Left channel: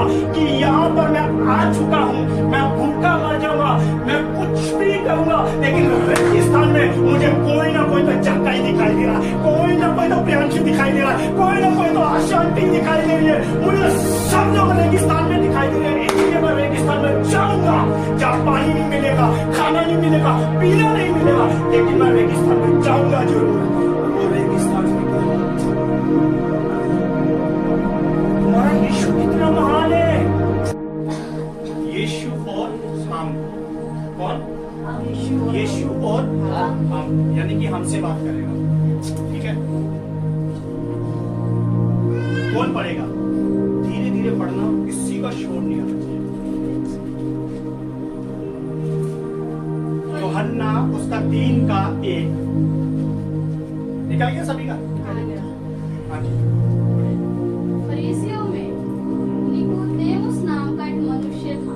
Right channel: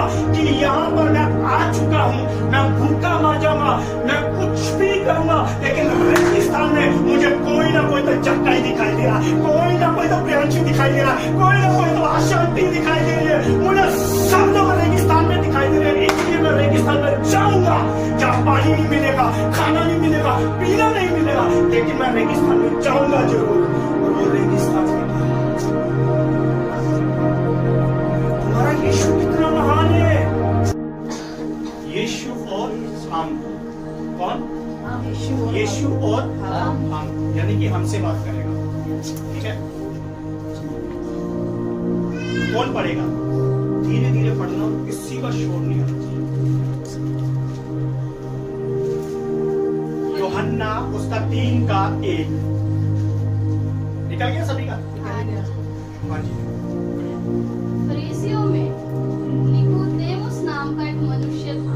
था कि यहाँ पर मैं आ चुका हूँ, मैं भूखा मर जाऊंगा, मैं कुछ भी नहीं करूंगा, लेकिन रेगिस्तान में मुझे कोई ना कोई तो जक्काई दिखाई दे रहा, कोई ना कोई तो प्रियांशु दिखाई दे रहा, कोई ना कोई तो आशांति दिखाई दे रही है, मुझे सब लोग रेगिस्तान में दिखाई दे रहे हैं। इसलिए मैं रेगिस्तान में जाऊंगा जहाँ पानी नहीं मिलेगा, खाना नहीं मिलेगा, पीना नहीं मिलेगा, लेकिन मैं रेगिस्तान में जाऊंगा जरूर। और वो रेगिस्तान में तुम्हारा यीशु कितना महान है। यीशु और हम, कौन? यीशु और हम, यानी कि हमसे बात करेगा, ठीक है? कौन पढ़ेगा? धीरे धीरे पढ़ना, किसी का शोर नहीं आना चाहिए। यूहन्ना उसका 3:1 निकल गया सभी का? हाँ जी। फरीसियों में निकोदेमुस नाम का एक मनुष्य था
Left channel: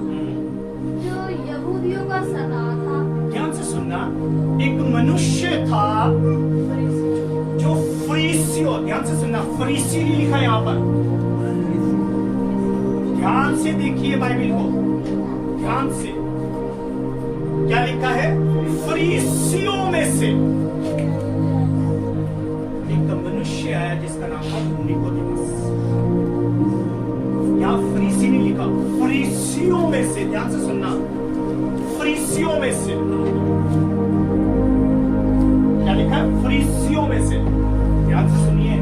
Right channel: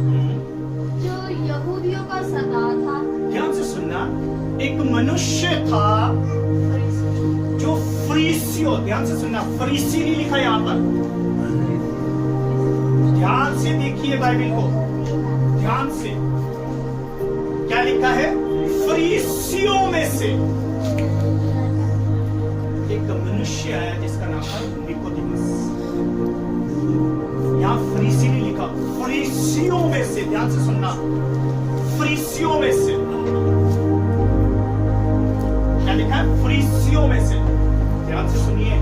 जो यहूदियों का सरदार था। ध्यान से सुनना, एक मनुष्य था जो फरीसियों, ध्यान से सुनना, फरीसी नहीं लिखा यहाँ पर, ध्यान से देखिए बाइबल को, ध्यान से। क्या लिखा है? फरीसियों में से एक मनुष्य है जिसका नाम था निकोदेमुस। यहाँ फरीसी नहीं लिखा, फरीसियों में से, ध्यान से सुनना, फरीसियों में से। क्या लिखा है? फरीसियों में से। ध्यान से सुनिए,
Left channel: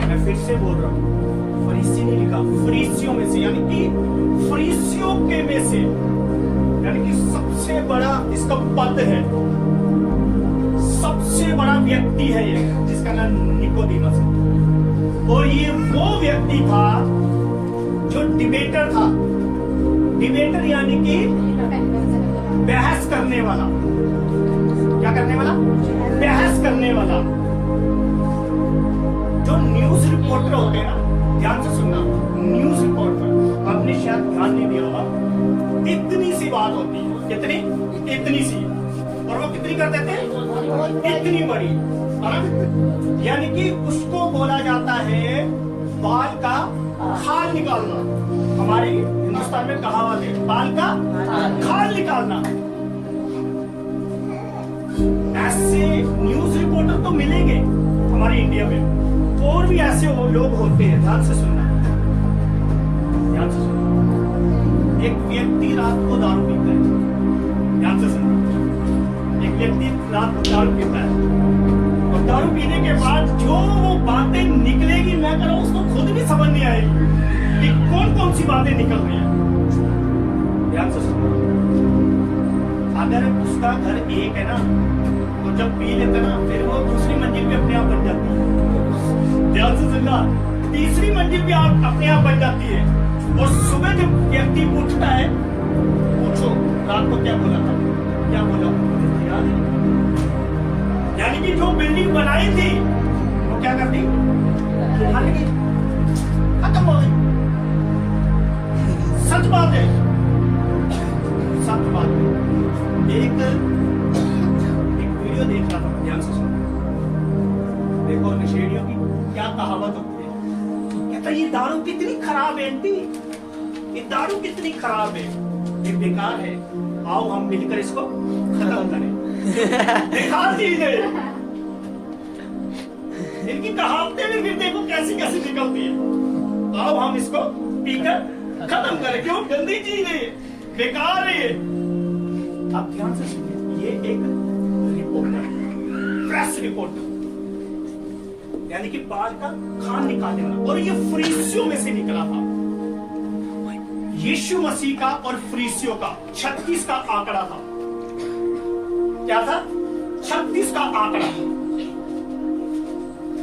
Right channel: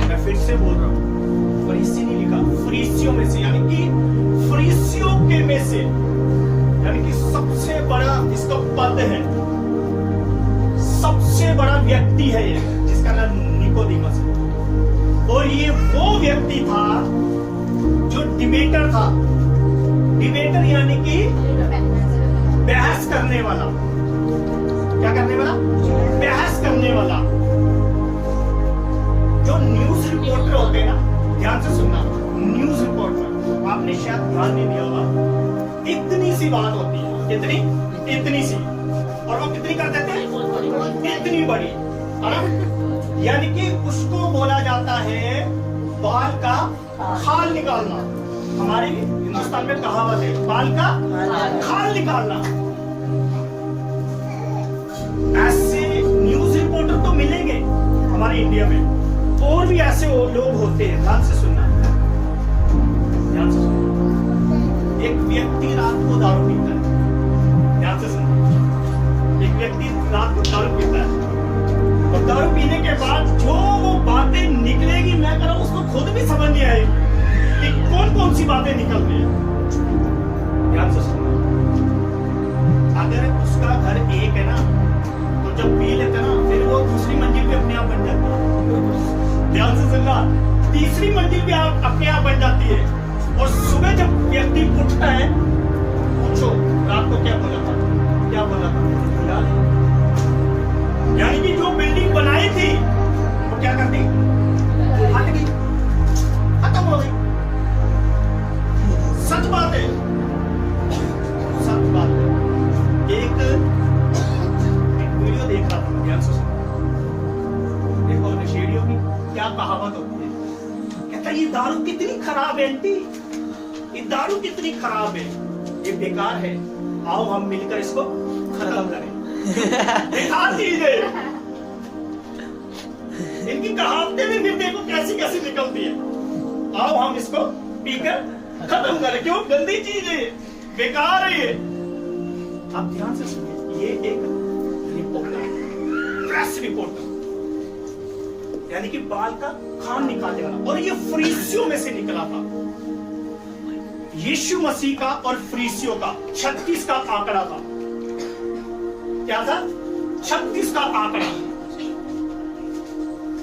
मैं फिर से बोल रहा हूं, फरीसी नहीं लिखा, फरीसियों में से, यानी कि फरीसियों के में से, यानी कि सबसे बड़ा इसका पद है, सबसे बड़ा व्यक्ति है ये, जिसका नाम निकोदेमुस है। और ये वो व्यक्ति था जो डिबेटर था। डिबेटर यानी कि बहस करने वाला। क्या करने वाला? बहस करने वाला। जो न्यूज रिपोर्टर होते हैं ना, ध्यान से सुनना, न्यूज रिपोर्टर, आपने शायद ध्यान नहीं दिया होगा, इतनी सी बात होती है, इतनी सी, और वो कितनी कर देते हैं? इतनी बड़ी। यानी कि उसको बोला जाता है बाल का खाल निकालना। हमारे हिंदुस्तान में कहावत है, बाल का खाल निकालना। ऐसे न्यूज रिपोर्टर तो मिलेंगे हमारे इंडिया में, और भी ऐसे लोग होते हैं। ध्यान से सुनना, ध्यान से सुनना। एक व्यक्ति रात को दारू पीता है, ध्यान से सुनना, एक व्यक्ति रात को दारू पीता है, और दारू पीने के बाद जो वो बातें निकलेगी, मैं कह रहा हूं उसको खुद भी समझ नहीं आएगी कि कौन कौन सी बातें निकल रही है। ध्यान से सुनना, अगर उसका घर एक है ना, तो जब पी लेता ना, फिर वो दूसरी मंजिल भी अपने आप बन जाती है। ध्यान से सुनना, तीसरी मंजिल भी अपने आप बन जाती है। और सुबह जब व्यक्ति उठता है, पूछो रात को क्या बोला था, क्या बोला था, याद है? यानी कि जो बिल्डिंग बनाई थी वो क्या कर दी? हट गई, खत्म हो गई। सच बात है, सच बात है। एक वीडियो देख रहा था मैं, ध्यान से सुनो, देखो नशेड़ियों की क्या कहावत होती है। कहता ये दारू कितनी खराब है आंटी, ये दारू कितनी खराब है, ये बेकार है, आओ हम मिलकर इसको खत्म करें। बेकार चीज है। इनकी कहावतें भी फिर देखो कैसी कैसी निकलती है, आओ हम इसको पीकर खत्म करें। क्यों? गंदी चीज है, बेकार है। आप ध्यान से सुनिए, ये एक रिपोर्टर, प्रेस रिपोर्टर, यानी कि बाल का खान निकालने वाला, और ये फरीसियों में से निकला था। यीशु मसीह का और फरीसियों का 36 का आंकड़ा था। क्या था? 36 का आंकड़ा।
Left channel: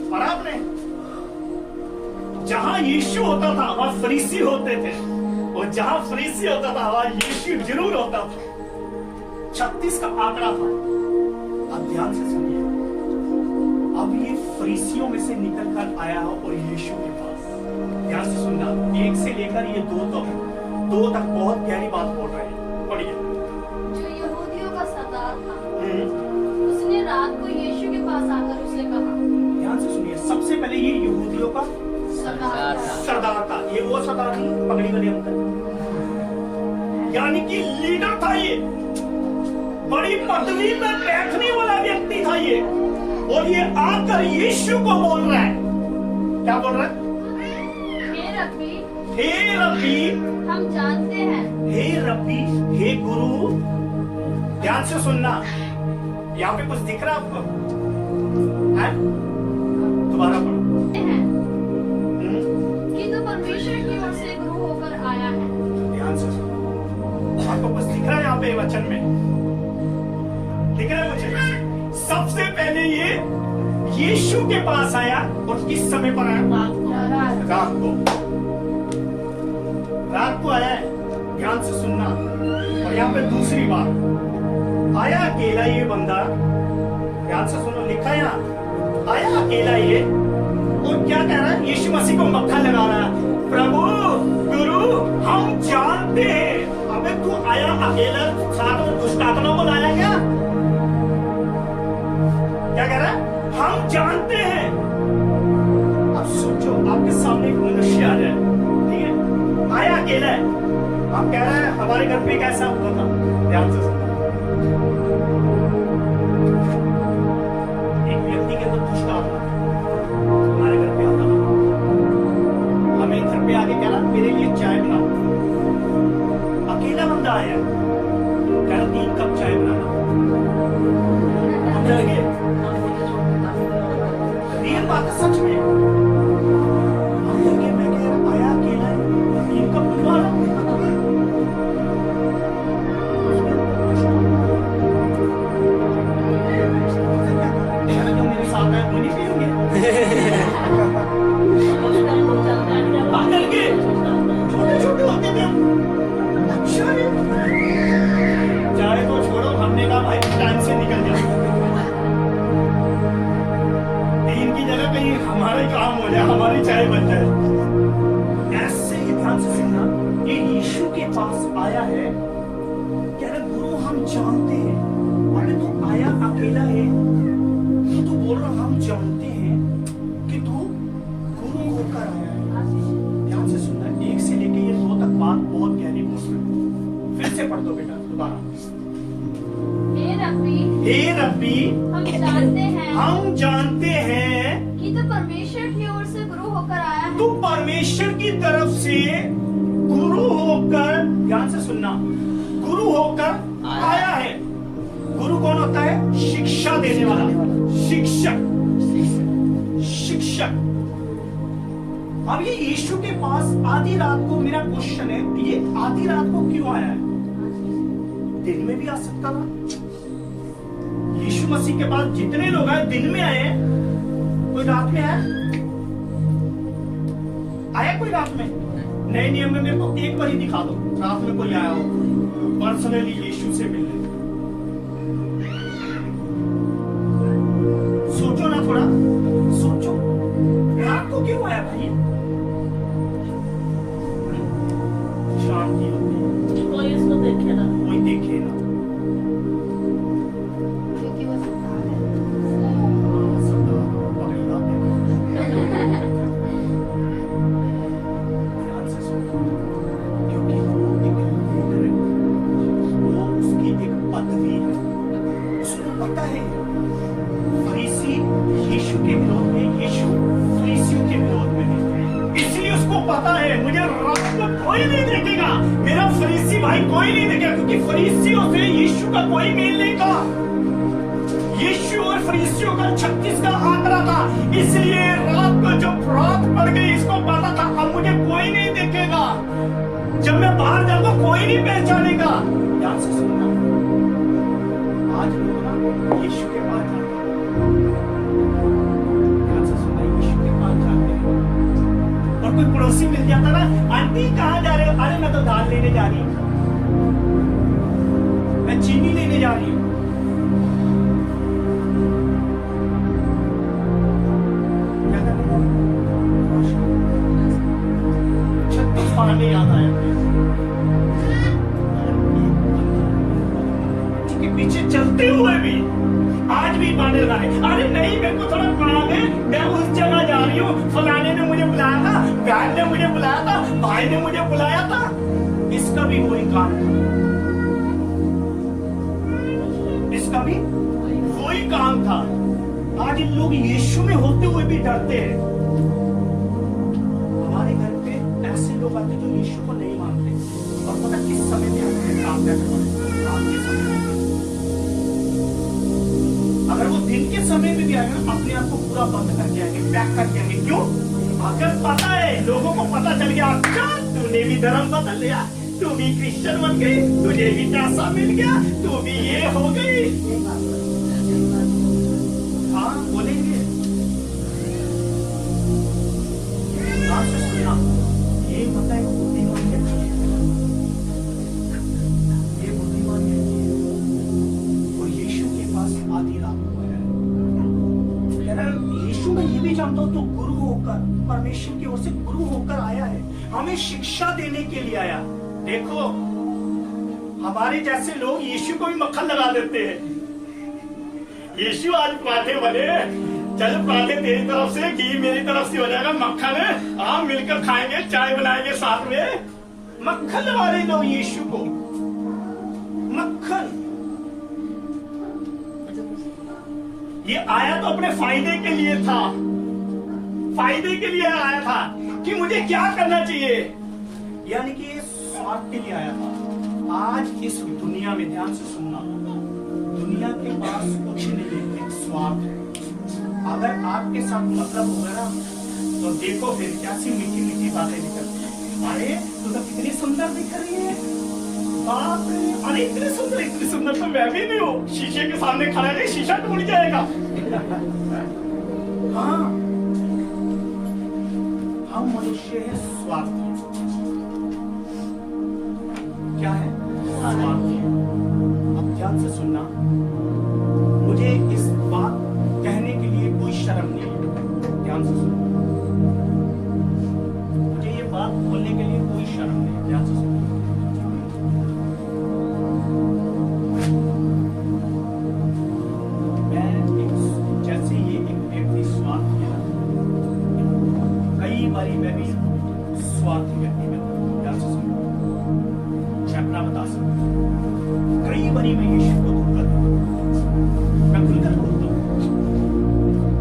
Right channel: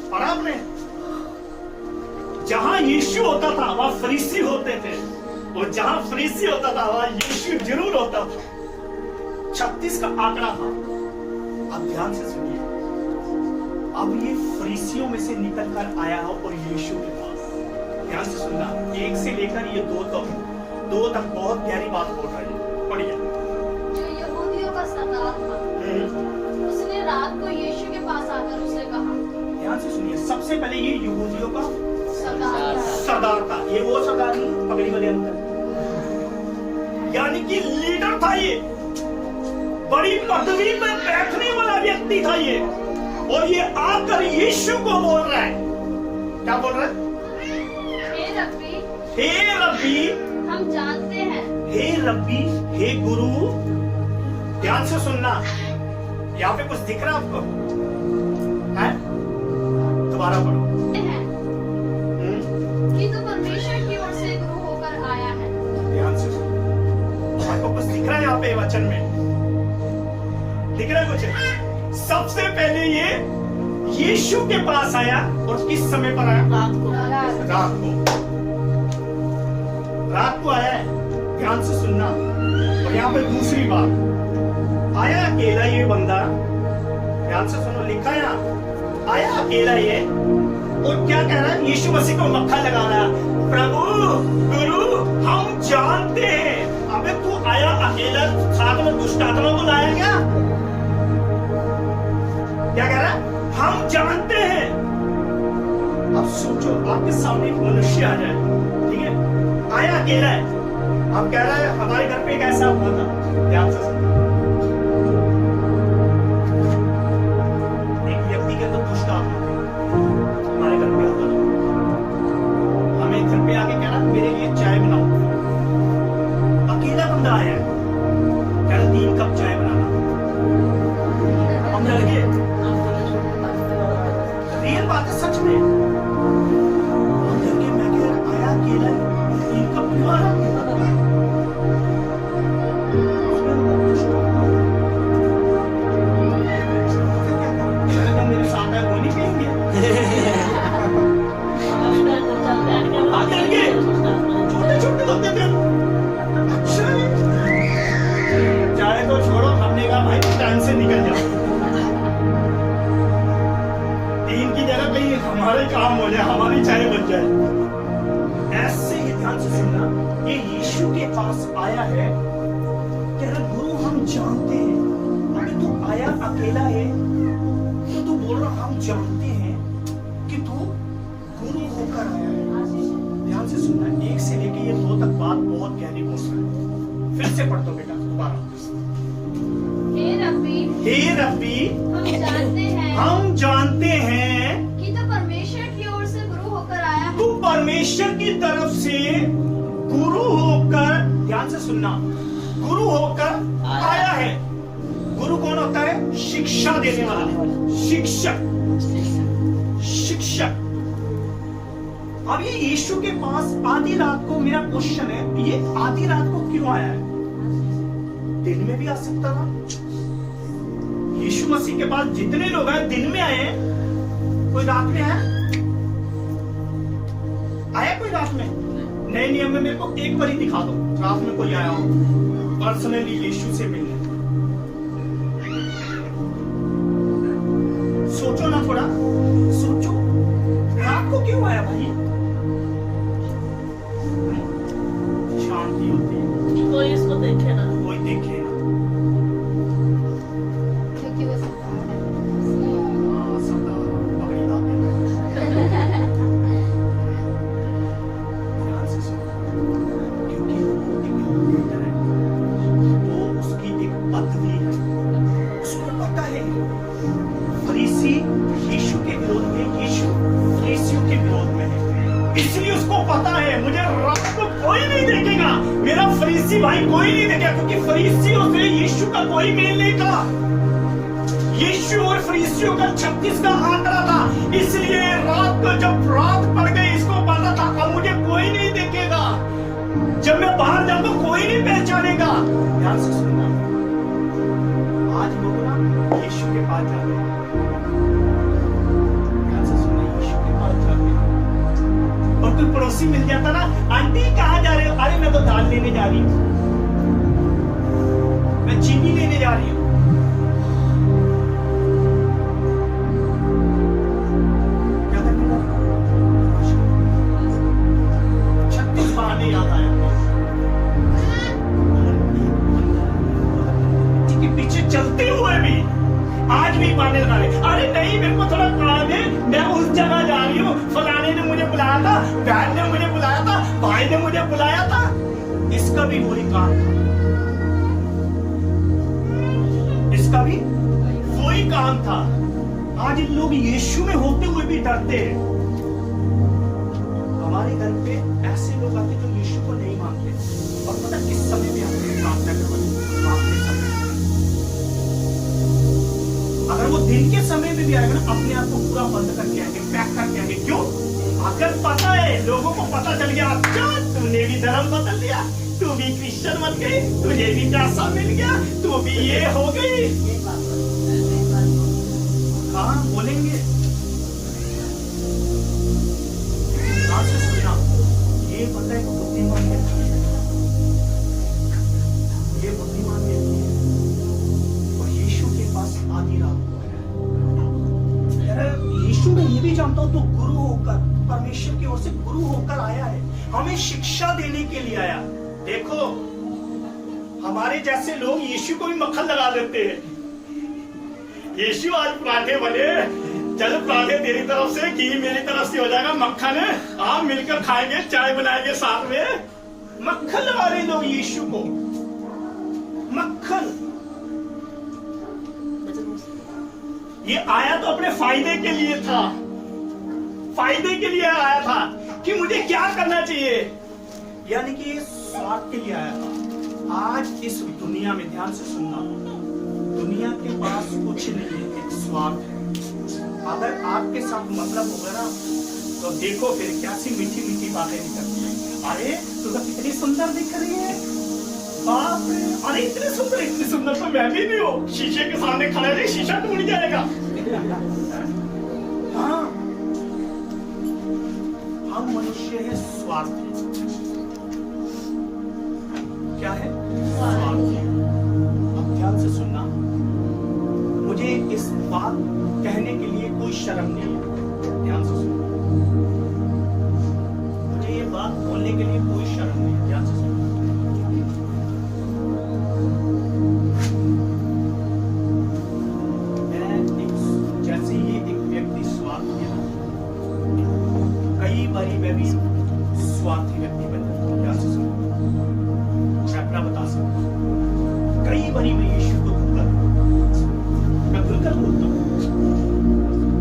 और आपने जहां यीशु होता था वहां फरीसी होते थे, और जहां फरीसी होता था वहां यीशु जरूर होता था। 36 का आंकड़ा था। अब ध्यान से सुनिए, अब ये फरीसियों में से निकल कर आया हो और यीशु के पास, ध्यान से सुनना, 1 से लेकर ये 2 तक बहुत गहरी बात बोल रही है। पढ़िए। जो यहूदियों का सरदार था, उसने रात को यीशु के पास आकर उससे कहा। ध्यान से सुनिए, सबसे पहले ये यहूदियों का सरदार सरदार था। ये वो सरदार नहीं, पगड़ी वाले अंकल, यानी कि लीडर था ये, बड़ी पदवी पे बैठने वाला व्यक्ति था ये। और ये आकर यीशु को बोल रहा है, क्या बोल रहा है? हे रब्बी, हे रब्बी, हम जानते हैं। हे रब्बी, हे गुरु। ध्यान से सुनना, यहाँ पे कुछ दिख रहा है आपको? है? दोबारा पढ़ो। हैं कि तू परमेश्वर की ओर से गुरु होकर आया है। ध्यान से सुनो, आपको कुछ दिख रहा है यहाँ पे वचन में? दिख रहा है कुछ? सबसे पहले ये यीशु के पास आया, और किस समय पर आया? रात को। रात को आया है। ध्यान से सुनना। और यहाँ पे दूसरी बात, आया अकेला ये बंदा। ध्यान से सुनो, लिखा है यहाँ, आया अकेला ये, और क्या कह रहा है? यीशु मसीह को मक्खा लगा रहा है, प्रभु गुरु हम जानते हैं। अबे तू आया अकेला, साथ में दुष्ट आत्मा को लाया क्या? क्या कह रहा है? हम जानते हैं। अब सोचो, आपके सामने एक मनुष्य आ जाए, ठीक है, आया अकेला है, आप कह रहे हैं हमारे घर पे एक ऐसा हुआ था। ध्यान से सुनना, एक व्यक्ति के अंदर दुष्ट आत्मा हमारे घर पे आता है, हमें घर पे आके कह रहा मेरे लिए चाय बनाओ। अकेला बंदा आया है, कह रहा 3 कप चाय बनाना। हम डर गए। रियल बात है, सच में हम डर गए। मैं कह रहा आया अकेला है, 3 कप पिलवा रहा। मेरे साथ है वो नहीं पियोगे? छोटे छोटे होते थे। अच्छा, चाहे तो छोड़ो, हमने कहा भाई टाइम से निकल जाओ, 3 की जगह कहीं हमारे काम हो जाए, हमारी चाय बच जाए। ऐसे ही ध्यान से सुनना, ये यीशु के पास आया है, कह रहा गुरु हम जानते हैं। अगर तू आया अकेला है तो तू बोल रहा हम जानते हैं कि तू गुरु होकर आया है। ध्यान से सुनना, 1 से लेके ये 2 तक बात बहुत गहरी पहुंच रहा है। फिर से पढ़ दो बेटा दोबारा। हे रब्बी, हे रब्बी, हम जानते हैं कि तू परमेश्वर की ओर से गुरु होकर आया है। तू परमेश्वर की तरफ से गुरु होकर, ध्यान से सुनना, गुरु होकर आया है। गुरु कौन होता है? शिक्षा देने वाला, शिक्षक, शिक्षक। अब ये यीशु के पास आधी रात को, मेरा क्वेश्चन है, ये आधी रात को क्यों आया है? दिन में भी आ सकता था। यीशु मसीह के पास जितने लोग आए दिन में आए, कोई रात में आया? आया कोई रात में? नए नियम में मेरे को एक बार ही दिखा दो रात में कोई आया हो पर्सनली यीशु से मिलने। सोचो ना, थोड़ा सोचो, रात को क्यों आया भाई? शांति होती है, कोई इसको देखे ना, कोई देखे ना। क्योंकि वो सरदार है। हाँ, सरदार पगड़ी लाते हैं। ध्यान से सुनो, क्योंकि वो एक लीडर है, वो उसकी एक पदवी है, उसको पता है फरीसी यीशु के विरोध में, यीशु फरीसियों के विरोध में है, इसलिए उसको पता है मुझे रात को कोई नहीं देखेगा, मेरा फरीसी भाई कोई नहीं देखेगा, क्योंकि फरीसियों से यीशु का कोई मेल नहीं था। यीशु और फरीसियों का 36 का आंकड़ा था, इसलिए रात को जब रात पड़ गई इसको पता था अब मुझे कोई नहीं देखेगा, जब मैं बाहर जाऊंगा कोई नहीं पहचानेगा। ध्यान से सुनना, आज लोग ना यीशु के पास जाते हैं, ध्यान से सुनना, यीशु के पास जाते हैं, और कोई पड़ोसी मिल जाता ना, आंटी कहाँ जा रहे हो? अरे मैं तो दाल लेने जा रही हूँ, मैं चीनी लेने जा रही हूँ। क्या करने जा रही हूँ? 36 बहाने याद आए के पीछे चलते हुए भी आज भी बहाने लगा रहे, अरे नहीं मेरे को थोड़ा काम है, मैं उस जगह जा रही हूँ, फलाने ने मुझे बुलाया था, बहन ने मुझे बुलाया था, भाई ने मुझे बुलाया था। इसका भी वही काम था, इसका भी वही काम था। आज इन लोग यीशु में होते हुए भी डरते हैं। हमारे घर पे ऐसे लोग आते जो यीशु को नहीं मानते, और पता किस समय में हमने काम के समय में। अगर वो दिन के समय में भी आएगा ना, अपने आप को पूरा बंद करके आएंगे, पैक करके आएंगे। क्यों? अगर पता है, लोगों को पता चल गया, अच्छा तूने भी धर्म बदल लिया, तू भी क्रिश्चियन बन गई, तुझे भी पैसा मिल गया, तू भी ये हो गई। हाँ बोलेंगे, ध्यान से सुनना, ये पता है बुद्धिमान व्यक्ति है, ये बुद्धिमान व्यक्ति है, और यीशु के पास आधी रात को आया है। यीशु में ये भी जानता हूं, तो गुरु होकर, परमेश्वर की ओर से गुरु होकर आया है, हमें शिक्षा देने के लिए आया। देखो हमारे जैसे लोग यीशु को भी मक्खन लगा देते हैं। यीशु आज पराठे बने, चल पराठे तेरी तरफ से, घी मेरी तरफ से हो जाएगा, मक्खन है, आप मिलकर खाएंगे, चाय बनाएंगे साथ में। मक्खन लगा रहे लोग यीशु को, मक्खन। ये आया तो अपने फायदे के लिए था, फायदे के लिए आया था कि मुझे क्या करना चाहिए, यानी कि स्वार्थ के लिए आया था। आज इस दुनिया में, ध्यान से सुनना, दुनिया के पास कुछ नहीं है, एक स्वार्थ है। अगर आपके साथ मतलब होगा ना, तो देखो फिर कैसी मीठी मीठी बातें निकलती है। अरे तू तो कितनी सुंदर दिख रही है, बाप रे, अरे इतनी सुंदर तो मैं भी नहीं हूँ। शीशे के सामने खड़ा है, शीशा टूट जाएगा। हाँ, हम मनुष्य है स्वार्थी। क्या है? स्वार्थी। अब ध्यान से सुनना, मुझे इस बात कहने के लिए कोई शर्म नहीं है, ध्यान से सुनना, मुझे ये बात बोलने के लिए कोई शर्म नहीं है, ध्यान से सुनना। जैसे ये एक व्यक्ति स्वार्थी है ना, कई बारी मैं भी स्वार्थी व्यक्ति बन जाता हूं, ध्यान से सुनना, मैं अपना बता सकता हूं। कई बारी मैं यीशु को धोखा देता हूं, मैं खुलकर बोलता हूं,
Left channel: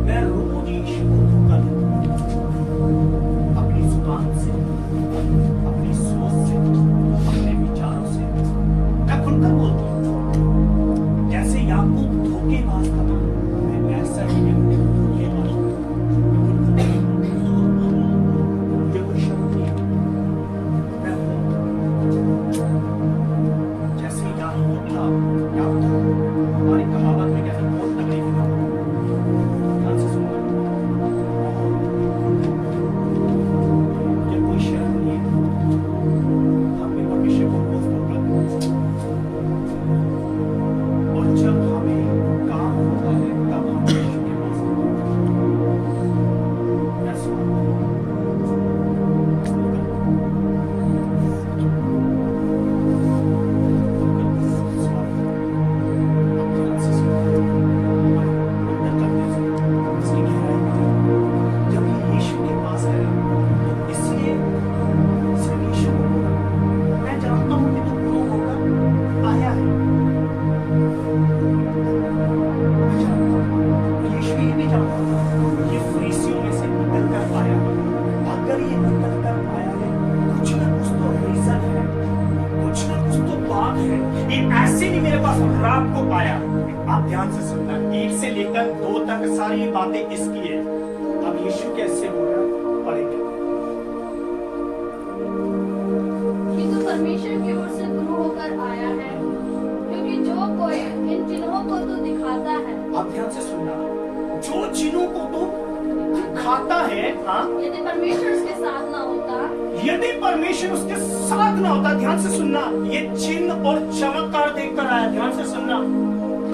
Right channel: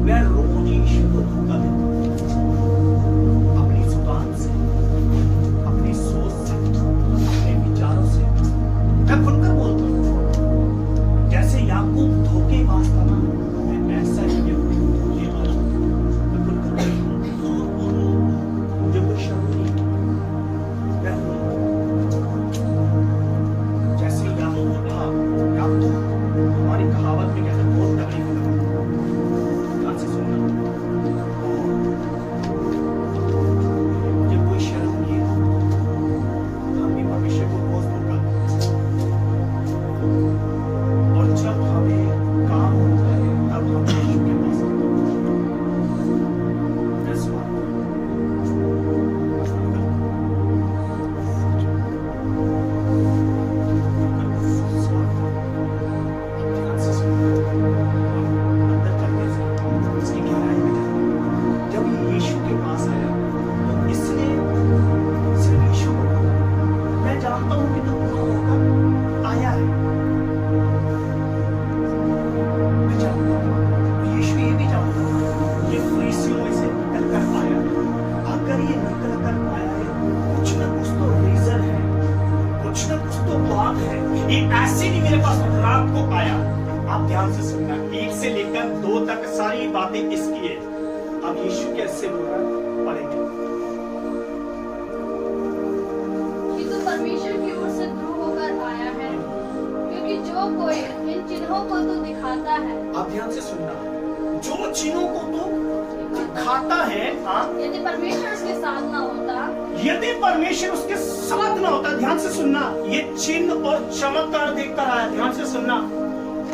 मैं रोज यीशु को धोखा देता हूं, अपनी जुबान से, अपनी सोच से, अपने विचारों से, मैं खुलकर बोलता हूं। जैसे याकूब धोखेबाज था, मैं ऐसा ही व्यक्ति धोखेबाज हूं, मैं खुलकर मुझे कोई शर्म नहीं है, मैं जैसे याकूब था। याकूब हमारी कहावत में कहते हैं बहुत तकलीफ था, ध्यान से सुनना, मुझे कोई शर्म नहीं है, हम भी भविष्य को रोज धोखा देते हैं, और जब हमें काम होता है तब हम यीशु के पास आते हैं। That's what अगर ये निकल कर आया है, कुछ ना कुछ तो रीजन है, कुछ ना कुछ तो बात है। ये ऐसे नहीं मेरे पास रात को आया। आप ध्यान से सुनना, 1 से लेकर 2 तक सारी बातें इसकी है। अब यीशु कैसे हो रहा है पढ़ेंगे। ये तो परमेश्वर की ओर से गुरु होकर आया है, क्योंकि जो कोई इन चिन्हों को तो दिखाता है। आप ध्यान से सुनना, जो चिन्हों को तो दिखाता है, हाँ, यदि परमेश्वर उसके साथ ना होता, यदि परमेश्वर उसके साथ ना होता, ध्यान से सुनना, ये चिन्ह और चमत्कार देखकर आया। ध्यान से सुनना,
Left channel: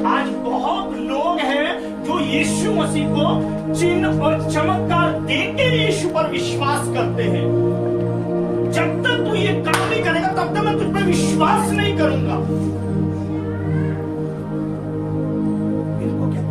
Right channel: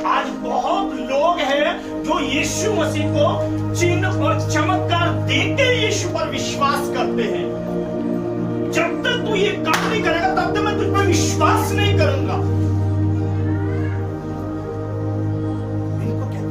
आज बहुत लोग हैं जो यीशु मसीह को चिन्ह और चमत्कार देकर यीशु पर विश्वास करते हैं। जब तक तू ये काम नहीं करेगा तब तक मैं तुझ पर विश्वास नहीं करूंगा। इनको क्या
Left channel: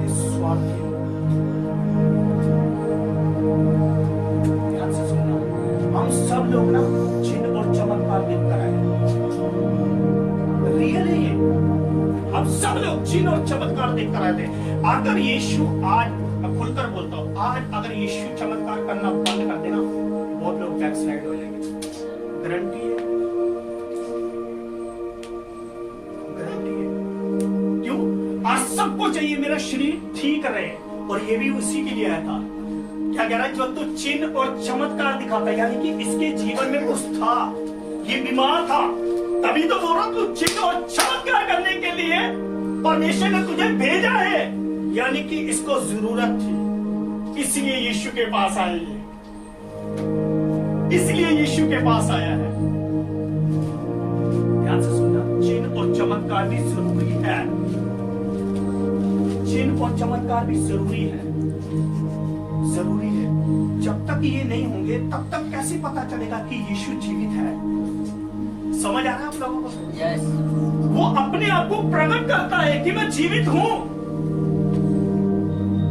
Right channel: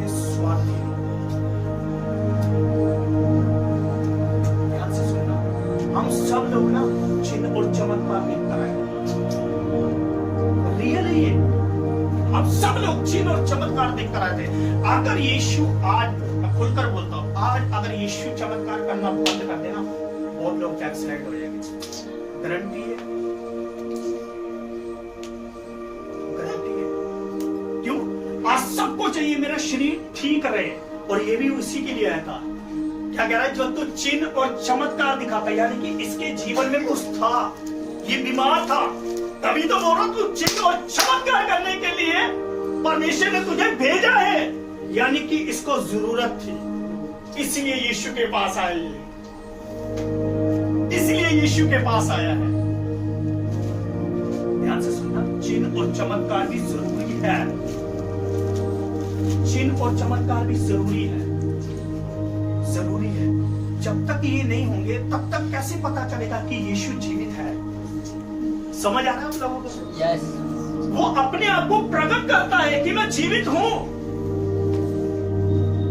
अब सब लोग चिन्ह और चमत्कार देखकर आए थे। अगर यीशु आज, खुलकर बोलता हूं, आज अगर यीशु चमत्कार करना बंद कर देना, बहुत लोग बैकसाइड हो जाएंगे। गारंटी है, गारंटी है। क्यों? आज सबको चाहिए मेरा शरीर ठीक रहे, और ये भी उसी के लिए आया था। क्या कह रहा है? जो तू चिन्ह और चमत्कार दिखाता, यानी कि इसके जीवन में कुछ था, ये बीमार था, तभी तो बोल रहा तू चिन्ह और चमत्कार करने के लिए परमेश्वर ने तुझे भेजा है, यानी कि इसको जरूरत थी, इसलिए यीशु के पास आया है, इसलिए यीशु के पास आया है। ध्यान से सुनना, चिन्ह और चमत्कार भी जरूरी है, चिन्ह और चमत्कार भी जरूरी है, जरूरी है। जब तक ये नहीं होंगे तब तक कैसे पता चलेगा कि यीशु जीवित है? समझ आ रहा है आप लोगों को? यस। वो अपने आप को प्रकट करता है कि मैं जीवित हूं,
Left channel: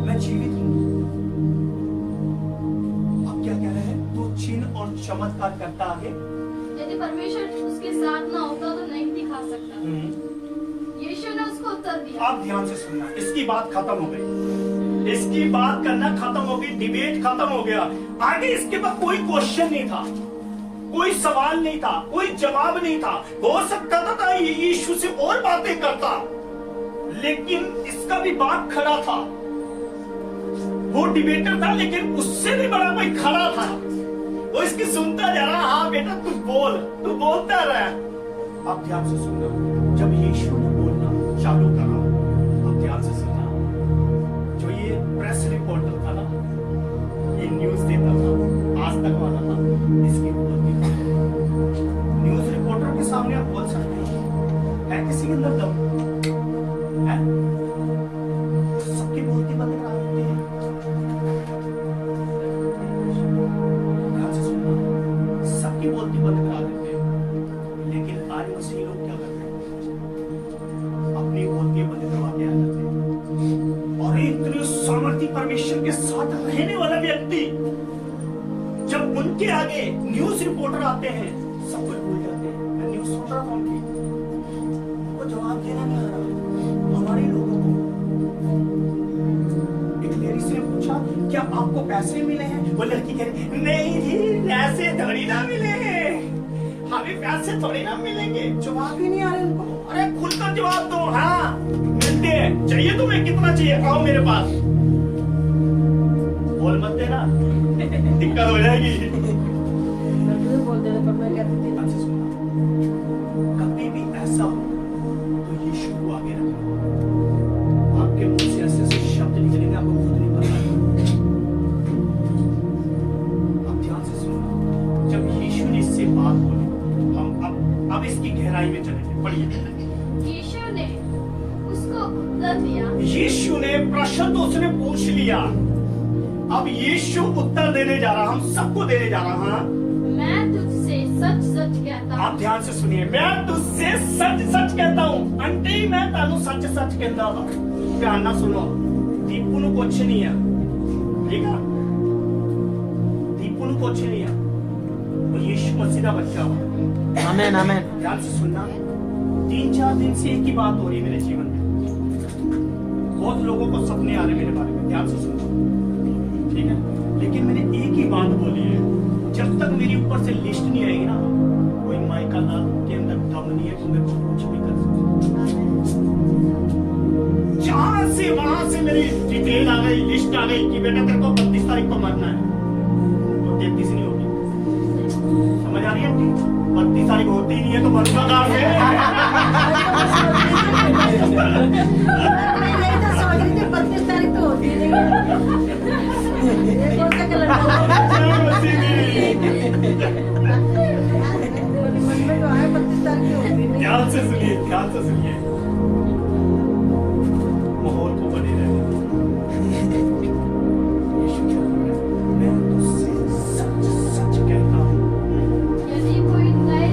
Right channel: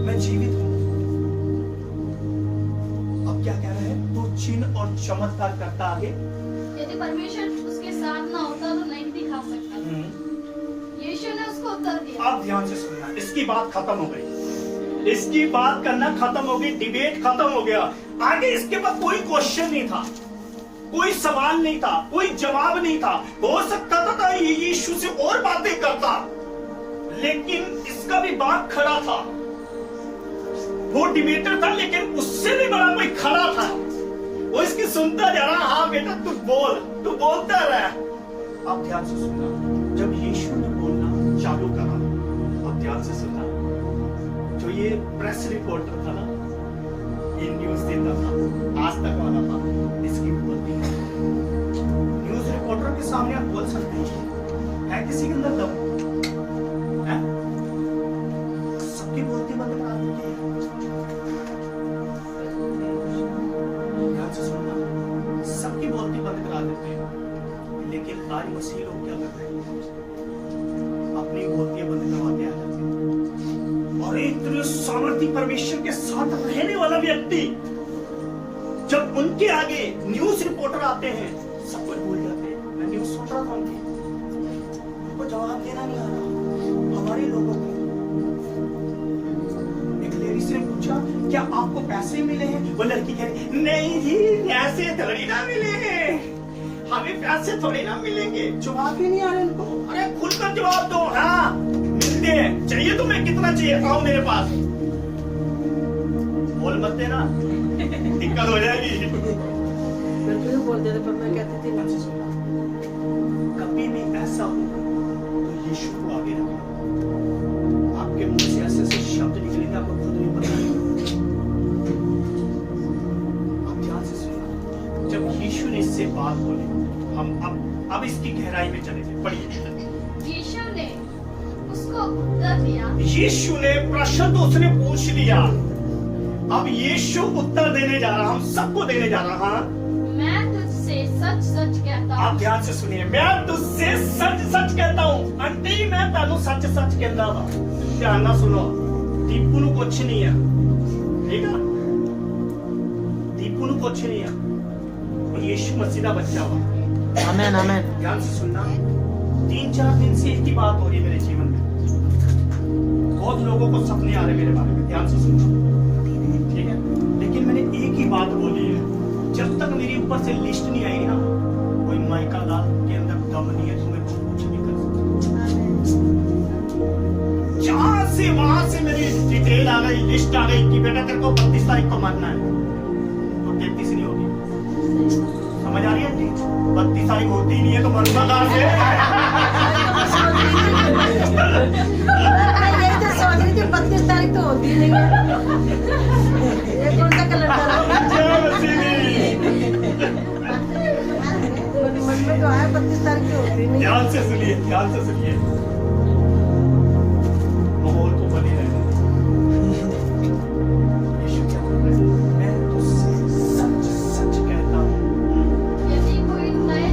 मैं जीवित हूं। अब क्या कह रहे हैं? तो चिन्ह और चमत्कार करता आगे। यदि परमेश्वर उसके साथ ना होता तो नहीं दिखा सकता। यीशु ने उसको उत्तर दिया। अब ध्यान से सुनना, इसकी बात खत्म हो गई, इसकी बात करना खत्म हो गई, डिबेट खत्म हो गया। आगे इसके बाद कोई क्वेश्चन नहीं था, कोई सवाल नहीं था, कोई जवाब नहीं था। हो सकता था यीशु से और बातें करता, लेकिन इसका भी बात खड़ा था। वो डिबेटर था, लेकिन उससे भी बड़ा कोई खड़ा था, वो इसकी सुनता जा रहा। हाँ बेटा तू बोल, तू बोलता रहा। अब ध्यान से सुनना, जब यीशु ने बोलना चालू करा, अब ध्यान से सुनना, जो ये प्रेस रिपोर्टर था ना, ये न्यूज देता था, आज तक वाला था, इसकी बोलती था। न्यूज रिपोर्टर के सामने आप बोल सकते हैं? है किसी के अंदर दम? है? सबकी बोलती बंद करा देते हैं। ध्यान से सुनना, सबकी बोलती बंद करा देते हैं, लेकिन आज मसीह लोग क्या कर रहे हैं? अपनी बोलतियां बंद करवा के आ जाते हैं। और इतने सामर्थ्य परमेश्वर के साथ रहने वाला व्यक्ति, जब उनके आगे न्यूज रिपोर्टर आते हैं, सब कुछ भूल जाते हैं। मैं न्यूज सुन रहा था उनको जवाब देना नहीं आ रहा हमारे लोगों को। एक लेडीज ने पूछा, क्या आपको पैसे मिले हैं? वो लड़की कह रही, नहीं जी पैसे थोड़ी ना मिले हैं, हमें पैसे थोड़ी ना मिलेंगे। जवाब ही नहीं आ रहे उनको। अरे खुलकर जवाब दो। हाँ मिलते हैं, चाहिए तुम्हें? कितना चाहिए? आओ मेरे पास। बोल मत देना, दिक्कत हो जाएगी। मैं भी बोल देना, पर मैं कहती थी अच्छे सुनना, कभी भी ऐसा हो तो यीशु को आगे रखना। आपके मुंह से ऐसे ऐसे शब्द निकलेंगे, आपको खुद नहीं पता। आप ध्यान से सुनना, जब यीशु ने इससे बात बोली, हम अब इसकी गहराई में चले थे। पढ़िए। यीशु ने उसको उत्तर दिया। यीशु ने प्रश्न तो उसने पूछ लिया, अब यीशु उत्तर देने जा रहा, हम सबको देने जा रहा। हाँ, मैं तुझसे सच सच कहता हूँ। आप ध्यान से सुनिए, मैं तुझसे सच सच कहता हूँ। आंटी मैं तानू सच सच कहता था। ध्यान ना सुनो, दीपू नु कुछ नहीं है, ठीक है? दीपू नु कुछ नहीं है, वो यीशु मसीह का बच्चा हुआ। आमेन आमेन। ध्यान से सुनना, 3-4 दिन से एक ही बात हो रही है मेरे जीवन में। बहुत लोगों को सपने आ रहे मेरे बारे में। ध्यान से सुनना, ठीक है? लेकिन मैंने एक ही बात बोली है, जब तक मेरी ऊपर से लिस्ट नहीं आएगी ना, कोई माइका दाल के अंदर दम नहीं है तो मेरे को कुछ भी कर सकते। जहां से वहां से मेरी डिटेल आ गई, लिस्ट आ गई कि बेटा तेरे को 32 तारीख को मरना है, तो 33 नहीं होगी। समझ आ रही है जी? 32 तारीख होती ही नहीं है तो मरना कहां से? यही तो सोच रही थी, 32 तारीख तो होती नहीं है। ये कौन सा कैलेंडर है? मन में तो है 32 तारीख तो होती नहीं। ध्यान से सुनिए, ध्यान से सुनिए, माहौल को बने रहने। यीशु क्या बोल रहा है? मैं तुझसे सच सच कहता हूँ, यदि कोई नए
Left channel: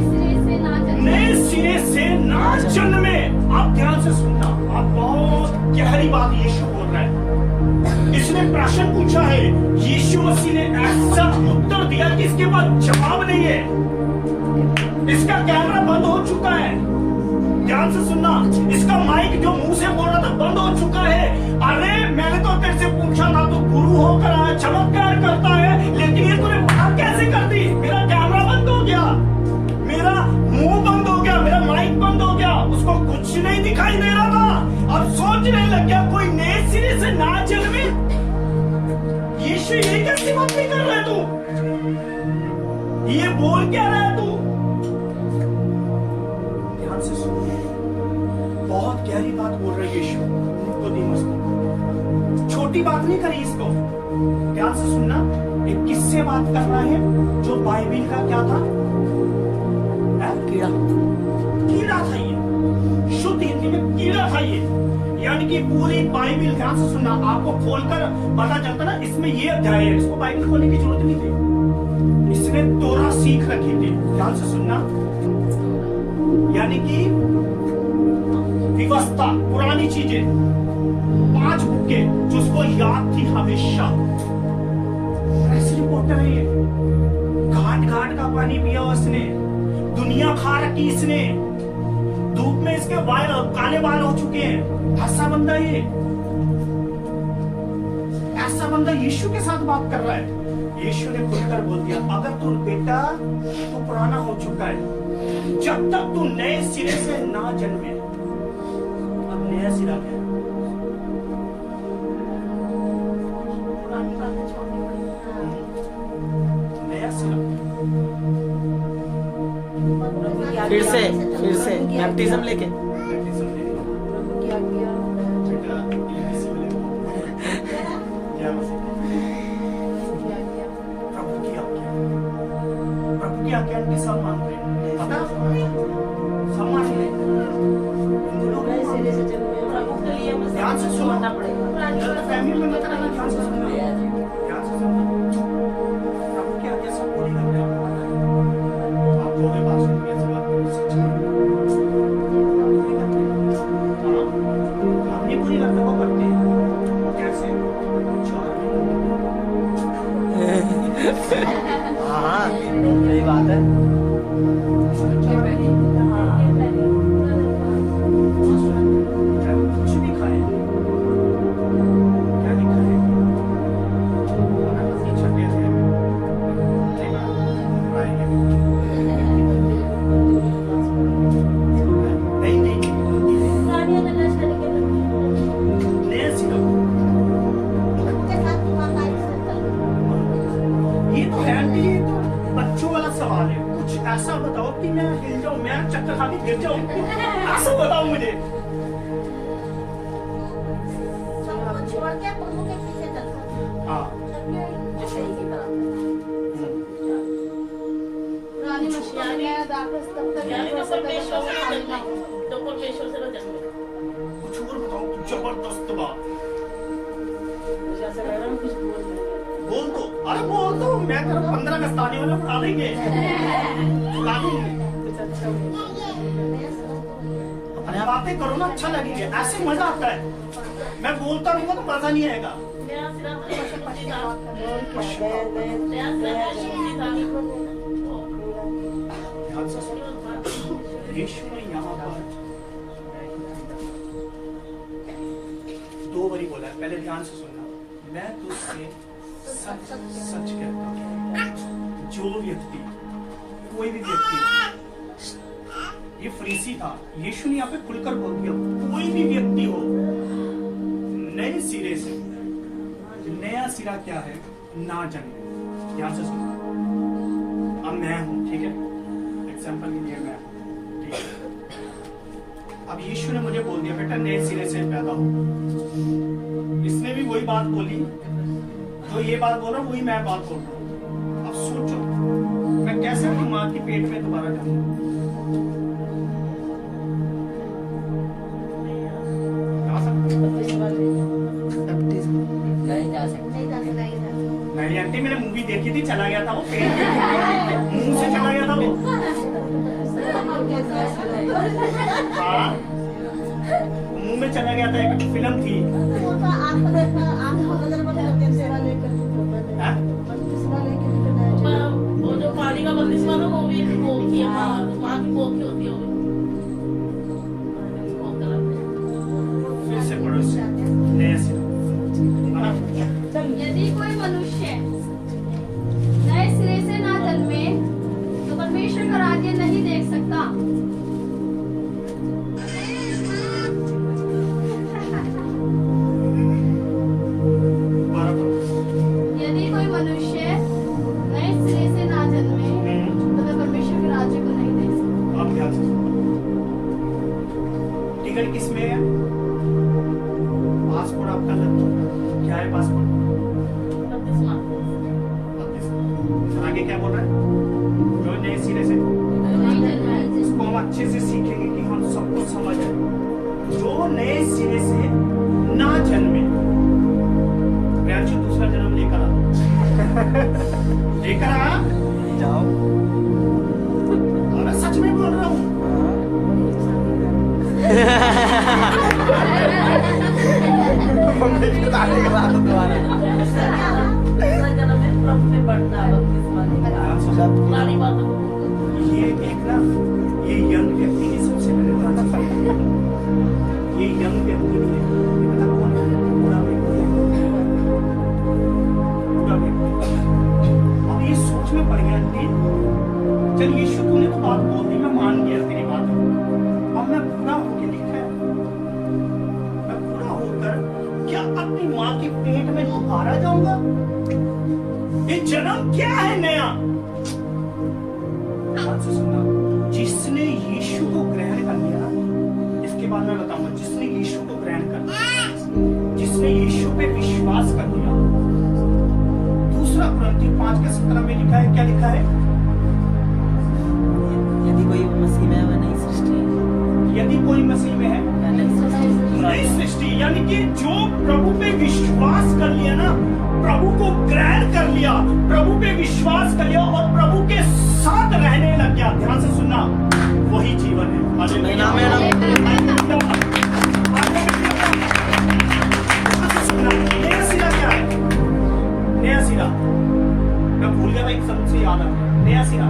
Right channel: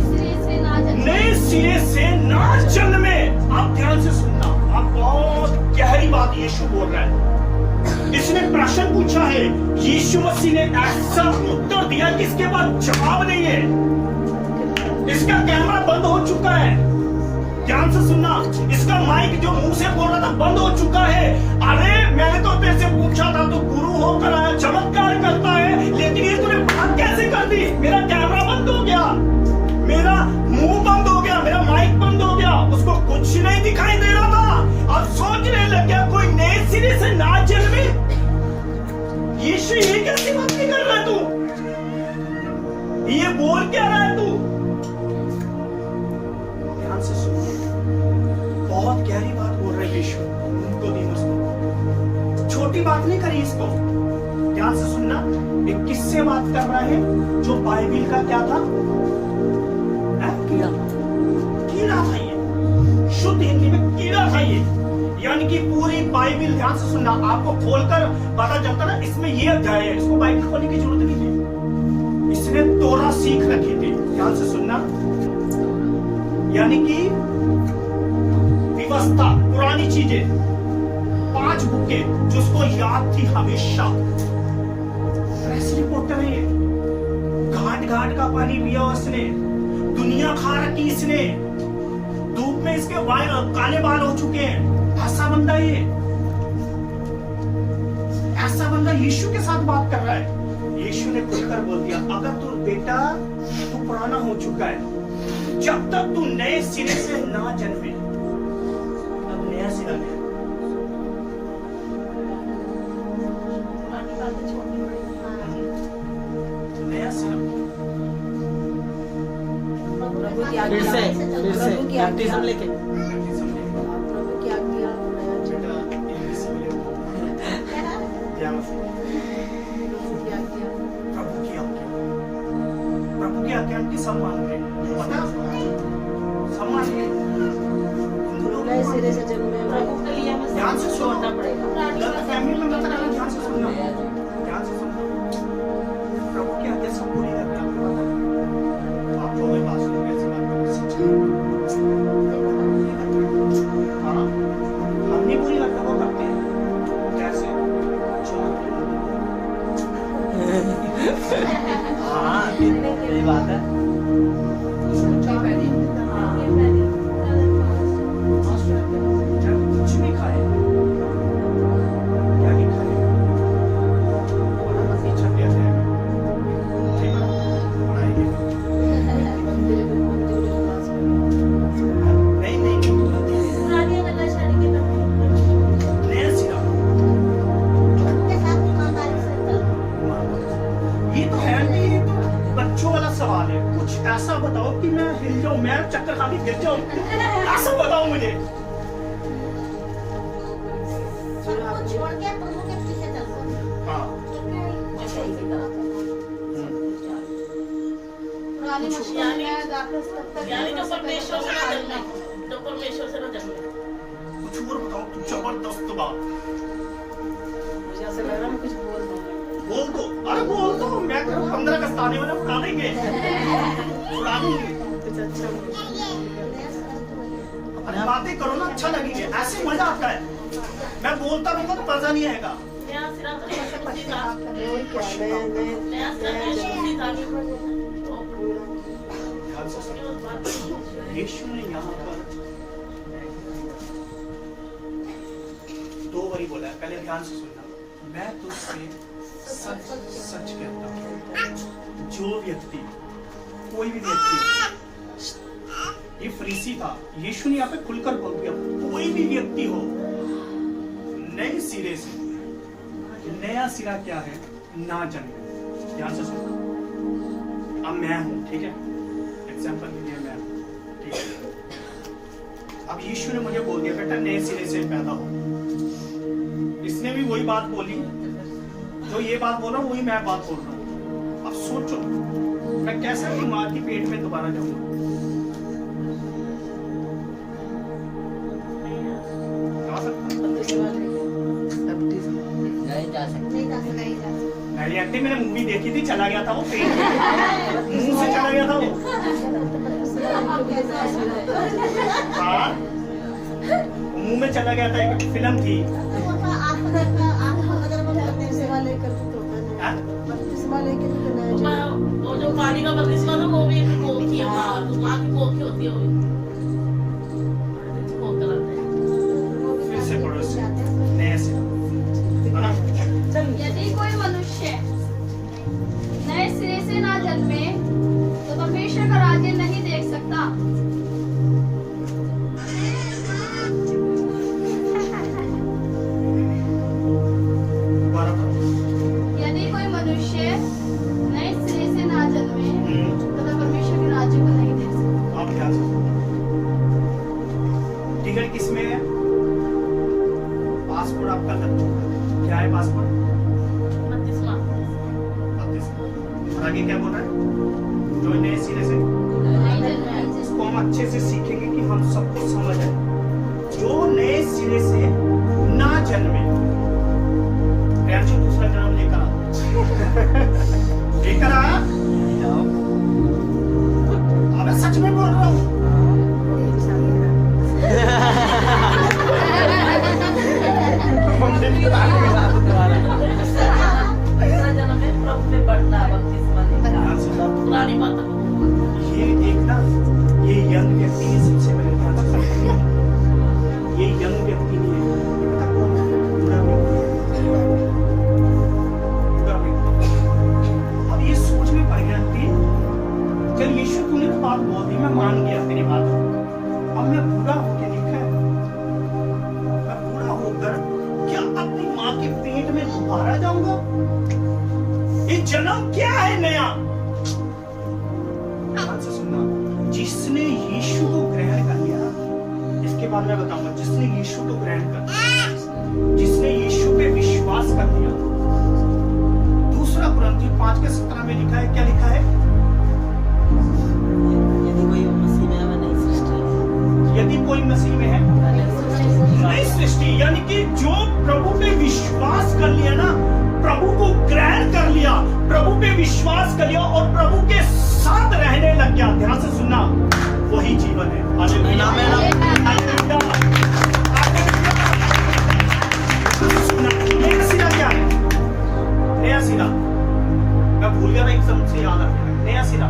सिरे से ना जन्मे। आप ध्यान से सुनना, आप बहुत गहरी बात यीशु बोल रहा है। इसने प्रश्न पूछा है, यीशु मसीह ने ऐसा उत्तर दिया कि इसके बाद जवाब नहीं है। इसका कैमरा बंद हो चुका है। ध्यान से सुनना, इसका माइक जो मुंह से बोल रहा था बंद हो चुका है। अरे मैंने तो तेरे से पूछा था, तो गुरु होकर आया, चमत्कार करता है, लेकिन ये तूने बात कैसे कर दी? मेरा कैमरा बंद हो गया, मेरा मुंह बंद हो गया, मेरा माइक बंद हो गया, उसको कुछ नहीं दिखाई दे रहा था। अब सोचने लग गया कोई नए सिरे से ना जन्मे। यीशु ये कैसी बात नहीं कर रहा है तू? ये बोल क्या रहा है तू? ध्यान से सुनिए, बहुत गहरी बात बोल रहे यीशु निकोदेमुस को, छोटी बात नहीं करी इसको। ध्यान से सुनना, एक किससे बात कर रहा है जो बाइबिल का क्या था? कीड़ा था ये, शुद्ध हिंदी में कीड़ा था ये। यानी कि पूरी बाइबिल, ध्यान से सुनना, आपको खोलकर पता चलता ना इसमें ये अध्याय है, इसको बाइबिल खोलने की जरूरत नहीं थी, इसने तोरा सीख रखी थी। ध्यान से सुनना, यानी कि व्यवस्था, पुरानी चीजें, 5 बुकें जो उसको याद थी हमेशा। प्रेस रिपोर्टर है ये, घाट घाट का पानी पिया उसने, दुनिया खा रखी इसने, धूप में इसके काले बाल हो चुके हैं। ऐसा बंदा ये, ऐसा बंदा यीशु के साथ बात कर रहा है। यीशु ने खुलकर बोल दिया, अगर तू बेटा तू पुराना हो चुका है, जब तक तू नए सिरे से ना जन्मे। अब नया सिरा क्या है? नया सिरा फिर से बैप्टिज्म लेके बैप्टिज्म ले। प्रभु की आज्ञा बेटा ABC में ले वो। क्या मतलब? की आज्ञा प्रभु की आज्ञा, प्रभु की आज्ञा की सब मानते हैं, पता? सब मानते हैं, हिंदू लोग नए सिरे से जन्मे प्रभु के लिए हमें ध्यान से सुनो, समझना पड़ेगा। गलत फहमी में मत रहना। ध्यान से सुनना, ध्यान से सुनना, प्रभु की आज्ञा सब पूरी कर रहे हैं, आपको पता है। आप जो भी पास में ऐसी बात करो, सच्ची है। हाँ, हम नहीं पूरी करते, वो करते हैं। कैसे? 4 हाँ, सही बात है। कुछ भी खाए, क्या नहीं खाए, बड़ा काफी छठिया थे, ठीक है, बनाएंगे। नहीं, नया सिरा। ये तो है नहीं, ये तो बच्चों वाला सवाल है। कुछ ऐसा बताओ कि मैं हिल जाऊं, मैं चक्कर खा के गिर जाऊं, ऐसा बताओ मुझे। छोड़ के प्रभु के पीछे चलता। हाँ, पुरानी मशीन में दाखिल तब तक यानी जो नहीं कर परमेश्वर से सकते, ना जन्मे, जो परमेश्वर से ना जन्मे। कुछ और बताओ, कुछ जबरदस्त बात जैसे लग रहा है कुछ बोल दो बोल दो। अरे बोल दो, मैं तेरा 15 अगस्त आने वाला उड़ा देंगे, उड़ा देंगे। कुछ अच्छा अरे बातें करो ना, अच्छा लगेगा, ऐसे मजा आता है। मैं बोलता रहूंगा तो मजा नहीं आएगा। नया सिरा तो मशक्कत था। बोल नया सिरा तो मशक्कत था। ध्यान से सुनो, यीशु ने यहाँ पर 2 बारी बोला है। पहले ध्यान से सुनना, मैं तुझसे सच सच कहता हूँ, जो व्यक्ति, कोई भी व्यक्ति, ये फरीसी था, यीशु ने यहाँ पे खुलकर बोल दिया, कोई भी व्यक्ति हो नए सिरे से, नया सिरा क्या है? ना जन्मे। ध्यान से सुनना, अब मैं हूं, ठीक है, एग्जाम्पल के लिए मैं हूं, ठीक है। अब यीशु ने मुझे बोल दिया, बेटा नए सिरे से पैदा हो। इसने भी वही बात बोली, जो ये बात बोल रहा हूं वही मैं बात बोल रहा हूं। अब सोचो, मैं कैसे अपनी माँ की पेट में दोबारा जाऊंगा? जा सकता हूं? नहीं जा सकते। नहीं आंटी, मैंने मूवी देखी थी, चला गया था वो पेट में, मुंह से चला गया था वो। हाँ, मुंह में चला गया था, एक फिल्म थी। हाँ? वो जो पानी का बपतिस्मा था वो भी एक कोख ही है, माँ की कोख ही होती है वो। रिजल्ट किस में है? पासपोर्ट आपका क्या है? Passport 32 marks. 32। और आगे क्या बोल रहा है? जो नए सिरे से इसको हम अच्छे से सीखेंगे कि हम सब कुछ समझ आए। जो नए सिरे से ना जन्मे, दूसरा जन्म लेकर आ लेकर आ जाओ। मैं सच में बोल रहा हूँ। दूसरा जन्म में प्रभु में बढ़ना बपतिस्मा लेगा। पुरानी बात हो। ये एक ना, ये यंग व्यक्ति ने सबसे पहले ध्यान रखा। ये यंग व्यक्ति नहीं है, ये पता कौन है? पूरा व्यक्ति। अब ये सोच में पड़ गया थी, चल यीशु तूने तो बात बोल दी, मैं मान गया तेरी बात। अब मैं पूरा होके लिखा है, मैं पूरा होकर क्या अपनी माँ के पेट में दोबारा जाऊंगा? ये जन्म क्या है नया? ध्यान से सुनना, जिसने यीशु को ग्रहण कर लिया, इसके बाद मैं बताऊंगा, जिसने यीशु को ग्रहण कर लिया, जिसने यीशु पे विश्वास कर लिया। दूसरा कुरिन्थियों 5:17 में लिखा है, क्या लिखा है? यदि कोई मसीह में है वह नई सृष्टि है। यदि कोई मसीह में है नई सृष्टि, यानी कि जो प्रभु पे विश्वास कर लिया ना, प्रभु को ग्रहण कर लिया, प्रभु पे विश्वास कर लिया और प्रभु के साथ रहने लग गया। ध्यान से सुनना, वही जीवन है। हालेलुया। नया सिरा क्या है? नया सिरा, मैं भूल गया था, एक शब्द से याद आ गया। नया सिरा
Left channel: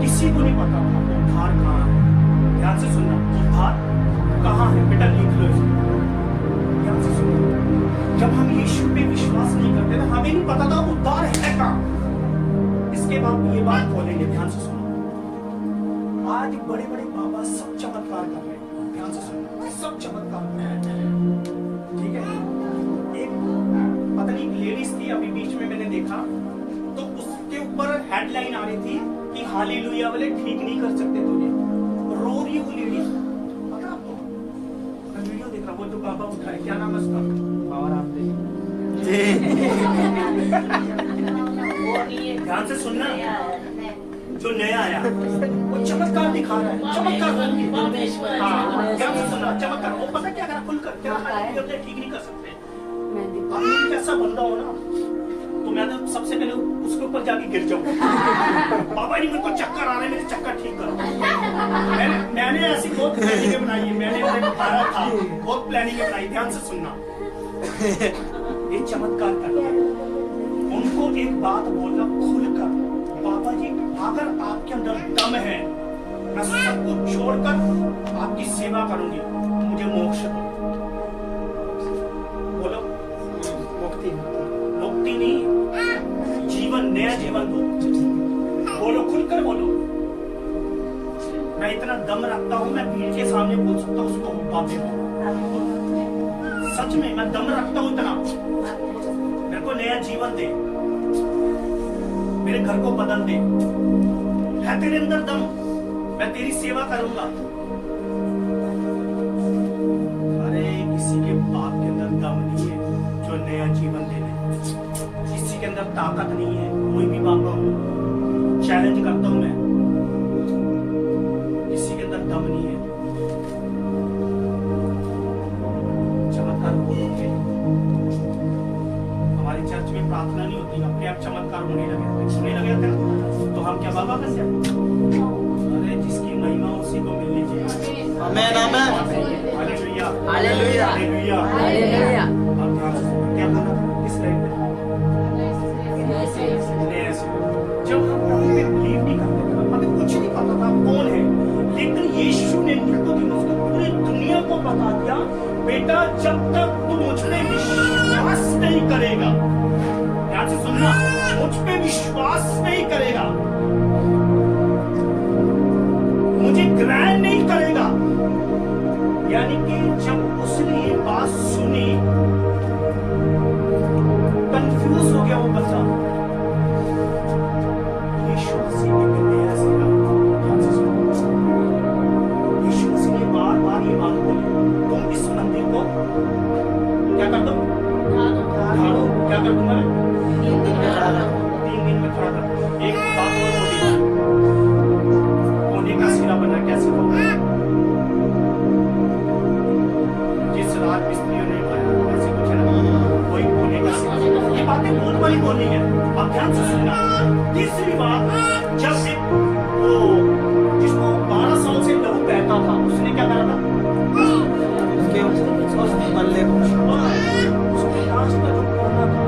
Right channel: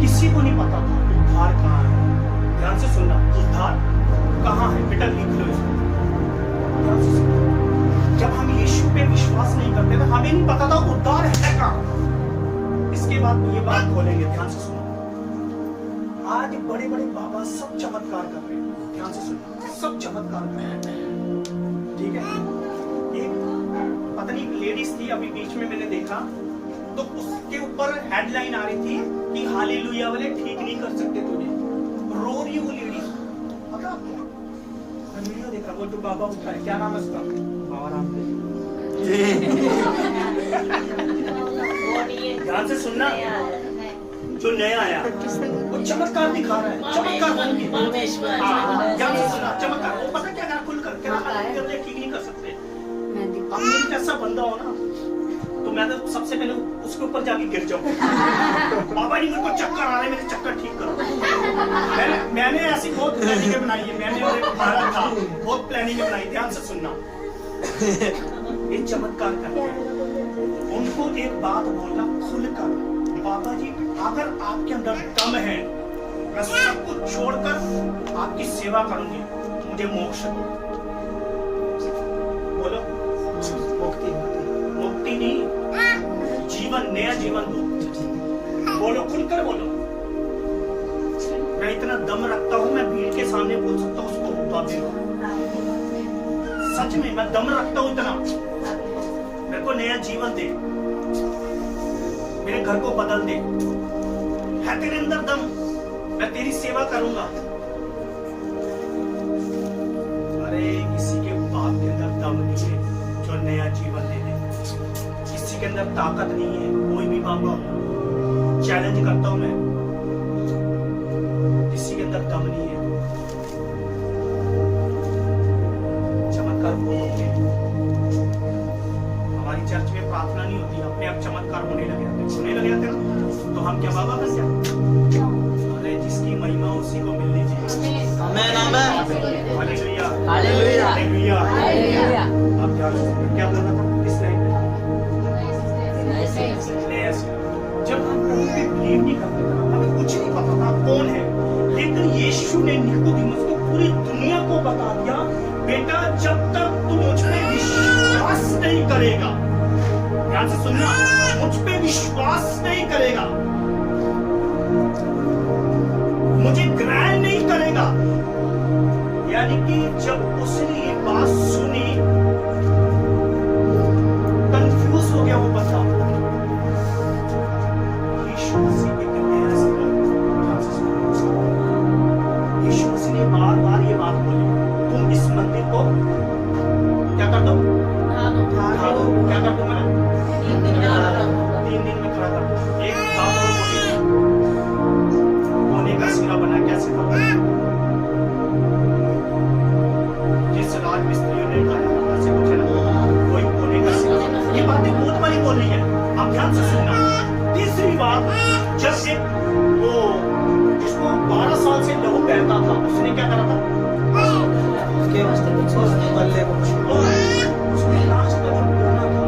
किसी को नहीं पता था उद्धार कहाँ है। ध्यान से सुनना, उद्धार कहाँ है? बेटा लिख लो इसको, ध्यान से सुनना। जब हम यीशु पे विश्वास नहीं करते थे, हमें नहीं पता था उद्धार है कहाँ। इसके बाद ये बात बोलेंगे, ध्यान से सुनो। आज बड़े बड़े बाबा सब चमत्कार कर रहे हैं, ध्यान से सुनो, सब चमत्कार कर रहे हैं। ठीक है, एक पता नहीं लेडीज थी, अभी बीच में मैंने देखा, तो उसके ऊपर हेडलाइन आ रही थी कि हालेलुया वाले ठीक नहीं कर सकते तुझे। रो रही वो लेडी, पता आपको? मैं वीडियो देखा, वो जो बाबा उठाए, क्या नाम है उसका? ध्यान से सुनना, जो नया आया वो चमत्कार दिखा रहा है, चमत्कार होंगे। हाँ, ध्यान से सुनना, चमत्कार। वो पता क्या करा? खुलकर तेरा हालेलुया वाले ठीक नहीं कर सकते। अब मेरी कैसा बंदा हो ना, तो मैं तो सबसे पहले उसके ऊपर जाके गिर जाऊं। बाबा जी मेरे को चक्कर आ रहे, मेरे चक्कर ठीक करो। मैंने ऐसी बहुत प्लानिंग बनाई है, मैंने भारत था, बहुत प्लानिंग बनाई। ध्यान से सुनना, ये चमत्कार करते हैं। उनको एक बात बोलना खुलकर, बाबा जी अगर आपके अंदर दम है, मैं सब कुछ छोड़कर आपकी सेवा करूंगी, मुझे मोक्ष दो। बोलो, मुक्ति नहीं, जीवन, नया जीवन दो। बोलो, खुलकर बोलो। मैं इतना दम रखता हूं, मैं भीड़ के सामने बोल सकता हूं, उसको बातें दो। सच में मैं दम रखता हूं इतना। मेरे को नया जीवन दे, मेरे घर को बदल दे। है तेरे अंदर दम, मैं तेरी सेवा करूंगा। अरे किसी के बाप के अंदर दम नहीं है जो नया जीवन दे दे। किसी के अंदर ताकत नहीं है, कोई भी मांगो, चैलेंज करता हूं मैं, किसी के अंदर दम नहीं है। चमत्कार बोलोगे। हमारी चर्च में प्रार्थना नहीं होती, अपने आप चमत्कार होने लगे थे ना, तो हम क्या बाबा बन जाए? अरे जिसकी महिमा उसी को मिलनी चाहिए। आमेन, amen, hallelujah, hallelujah, hallelujah, hallelujah. अब ध्यान से क्या बोलना था इस लाइन में? जब हम प्रभु पे बिलीव नहीं करते थे, हमें कुछ नहीं पता था कौन है, लेकिन यीशु ने निकोदेमुस को पूरी दुनिया को बता दिया, बेटा जब तक तू मुझ पे विश्वास नहीं करेगा, ध्यान से सुनना, मुझ पे विश्वास नहीं करेगा, मुझे ग्रहण नहीं करेगा, यानी कि जब उसने ये बात सुनी, कंफ्यूज हो गया वो बंदा। यीशु मसीह के नया सिरा, यीशु मसीह ने बार बार ये बात बोली, तुम इस मंदिर को क्या कर दो? क्या कर दूं मैं? 3 दिन में खड़ा कर दो। एक बात और बोली, कोने का सिरा बना, क्या सिरा? जिस राज मिस्त्रियों ने बनाया ऐसे कुछ है ना, वही कोने का सिरा। ये बातें बहुत बड़ी बोल रही है, आप ध्यान से सुनना। तीसरी बात, जब एक वो जिसको 12 साल से लहू बहता था, उसने क्या करा था? उसके अल्ले को उसके लास्ट का जो कोना था,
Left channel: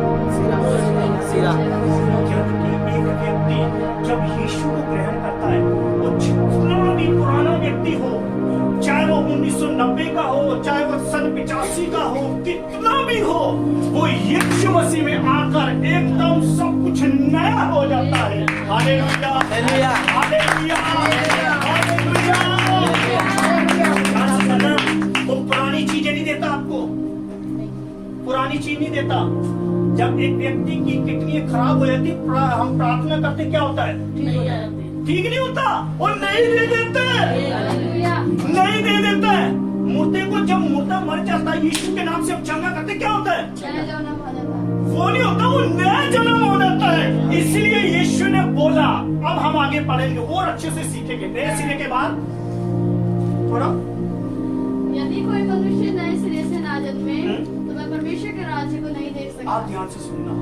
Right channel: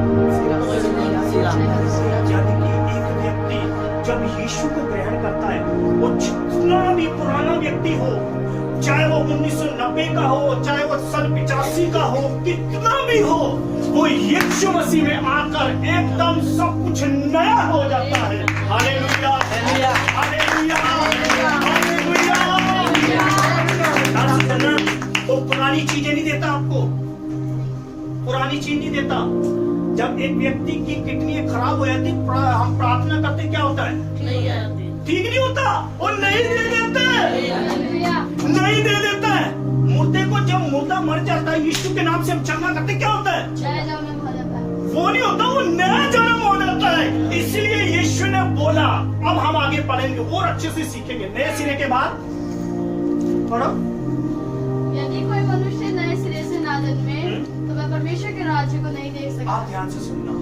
सिरा जबकि एक व्यक्ति जब यीशु को ग्रहण करता है, वो जितना भी पुराना व्यक्ति हो, चाहे वो 1990 का हो, चाहे वो सन 85 का हो, कितना भी हो, वो यीशु मसीह में आकर एकदम सब कुछ नया हो जाता है। Hallelujah, hallelujah, hallelujah. वो पुरानी चीजें नहीं देता आपको, पुरानी चीज नहीं देता। जब एक व्यक्ति की किडनी खराब हो जाती, हम प्रार्थना करते, क्या होता है? ठीक नहीं होता, और नहीं दे देते, नहीं दे देता है। मुर्दे को जब मुर्दा मर जाता है, यीशु के नाम से हम चंगा करते, क्या होता है? वो नहीं होता, वो नया जन्म हो जाता है। इसलिए यीशु ने बोला, अब हम आगे पढ़ेंगे और अच्छे से सीखेंगे। नए सिरे के बाद पढ़ो। यदि कोई मनुष्य नए सिरे से ना जन्मे तो वह परमेश्वर के राज्य को नहीं देख सकता। आप ध्यान से सुनना,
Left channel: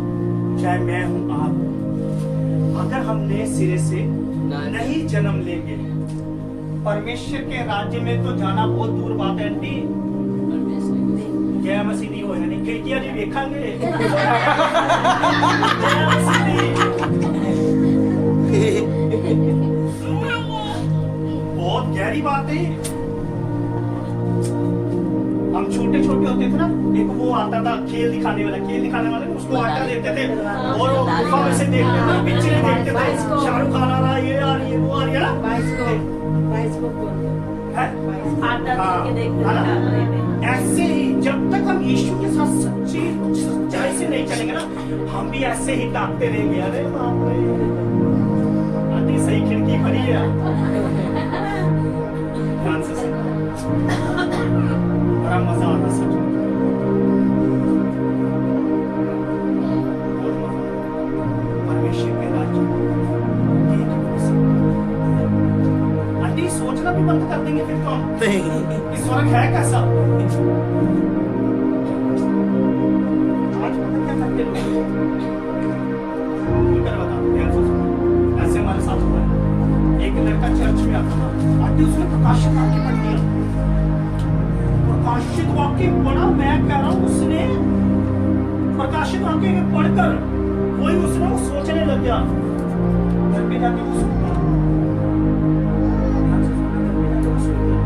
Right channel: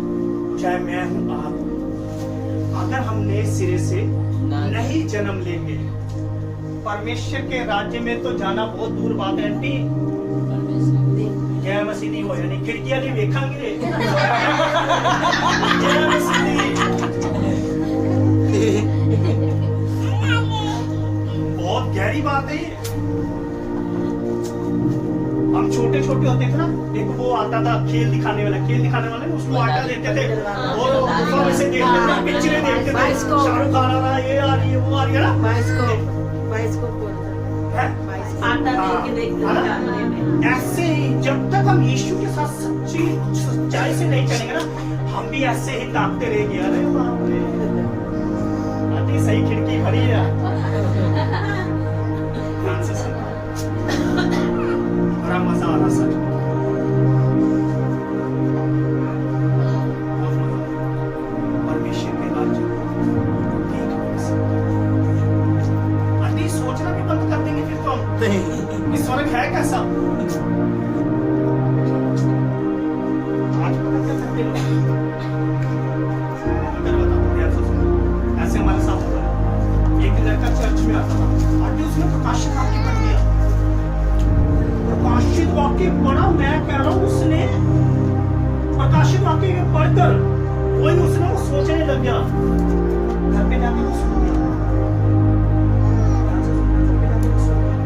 चाहे मैं हूं, आप हूं, अगर हम नए सिरे से नहीं जन्म लेंगे, परमेश्वर के राज्य में तो जाना बहुत दूर बात है। आंटी क्या मसीह नहीं हो, यानी खिड़कियां नहीं देखेंगे। बहुत गहरी बात है। हम छोटे छोटे होते थे ना, एक वो आता था खेल दिखाने वाला, उसको आटा देते थे और गुफा में से देखते थे, पिक्चरें देखते थे, शाहरुख खान आ रहा है, ये आ रही है, वो आ रही है ना, ऐसे ही जब तक हम यीशु के साथ सच्चाई से नहीं चलेंगे ना, हम भी ऐसे ही ताकते रहेंगे। अरे बाप रे, आंटी सही खिड़की भरी है, ध्यान से सुनना, बड़ा मजा आ रहा सच में, बहुत मजा। परमेश्वर के राज्य आंटी सोचना भी बंद कर देंगे फिर तो हम, कि स्वर्ग है कैसा। आज पता क्या करते लोग, बताओ, ध्यान से सुनो। ऐसे हमारे साथ होता है, एक लड़का चर्च में आता था, आंटी उसने प्रकाशित वाक्य पढ़ दिया, प्रकाशित वाक्य पढ़ा, मैं कह रहा हूं, उसने प्रकाशित वाक्य पढ़कर वही उसने वो सोचने लग गया, घर पे जाके वो सो गया, ध्यान से सुनना, घर पे जाके वो सो गया,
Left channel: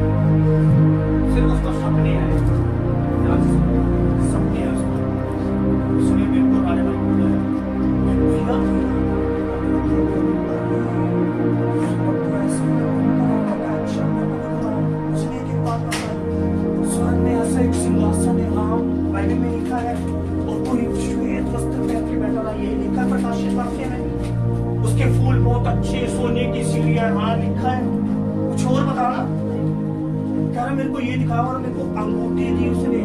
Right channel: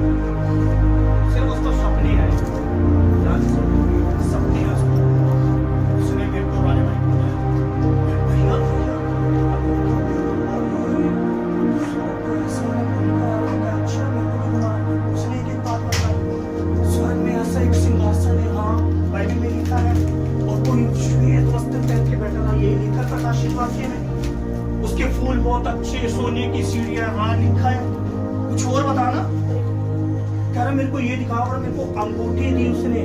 सिर्फ उसको सपने आए, ध्यान से सुनना, सपने आए उसको, उसने मेरे को राजा भाई को बताया, भैया उसने एक बात बताई, स्वर्ग में ऐसा एक सिंहासन है, हाँ बाइबल में लिखा है, और कोई श्वेत वस्त्र पहन के बैठा था, यही लिखा प्रकाशित वाक्य में, उसके फूल बहुत अच्छे, सोने की सीढ़ियां, हाँ लिखा है। कुछ और बताना, कह रहा मेरे को ये दिखा, और मेरे को अंगूठी दी उसने,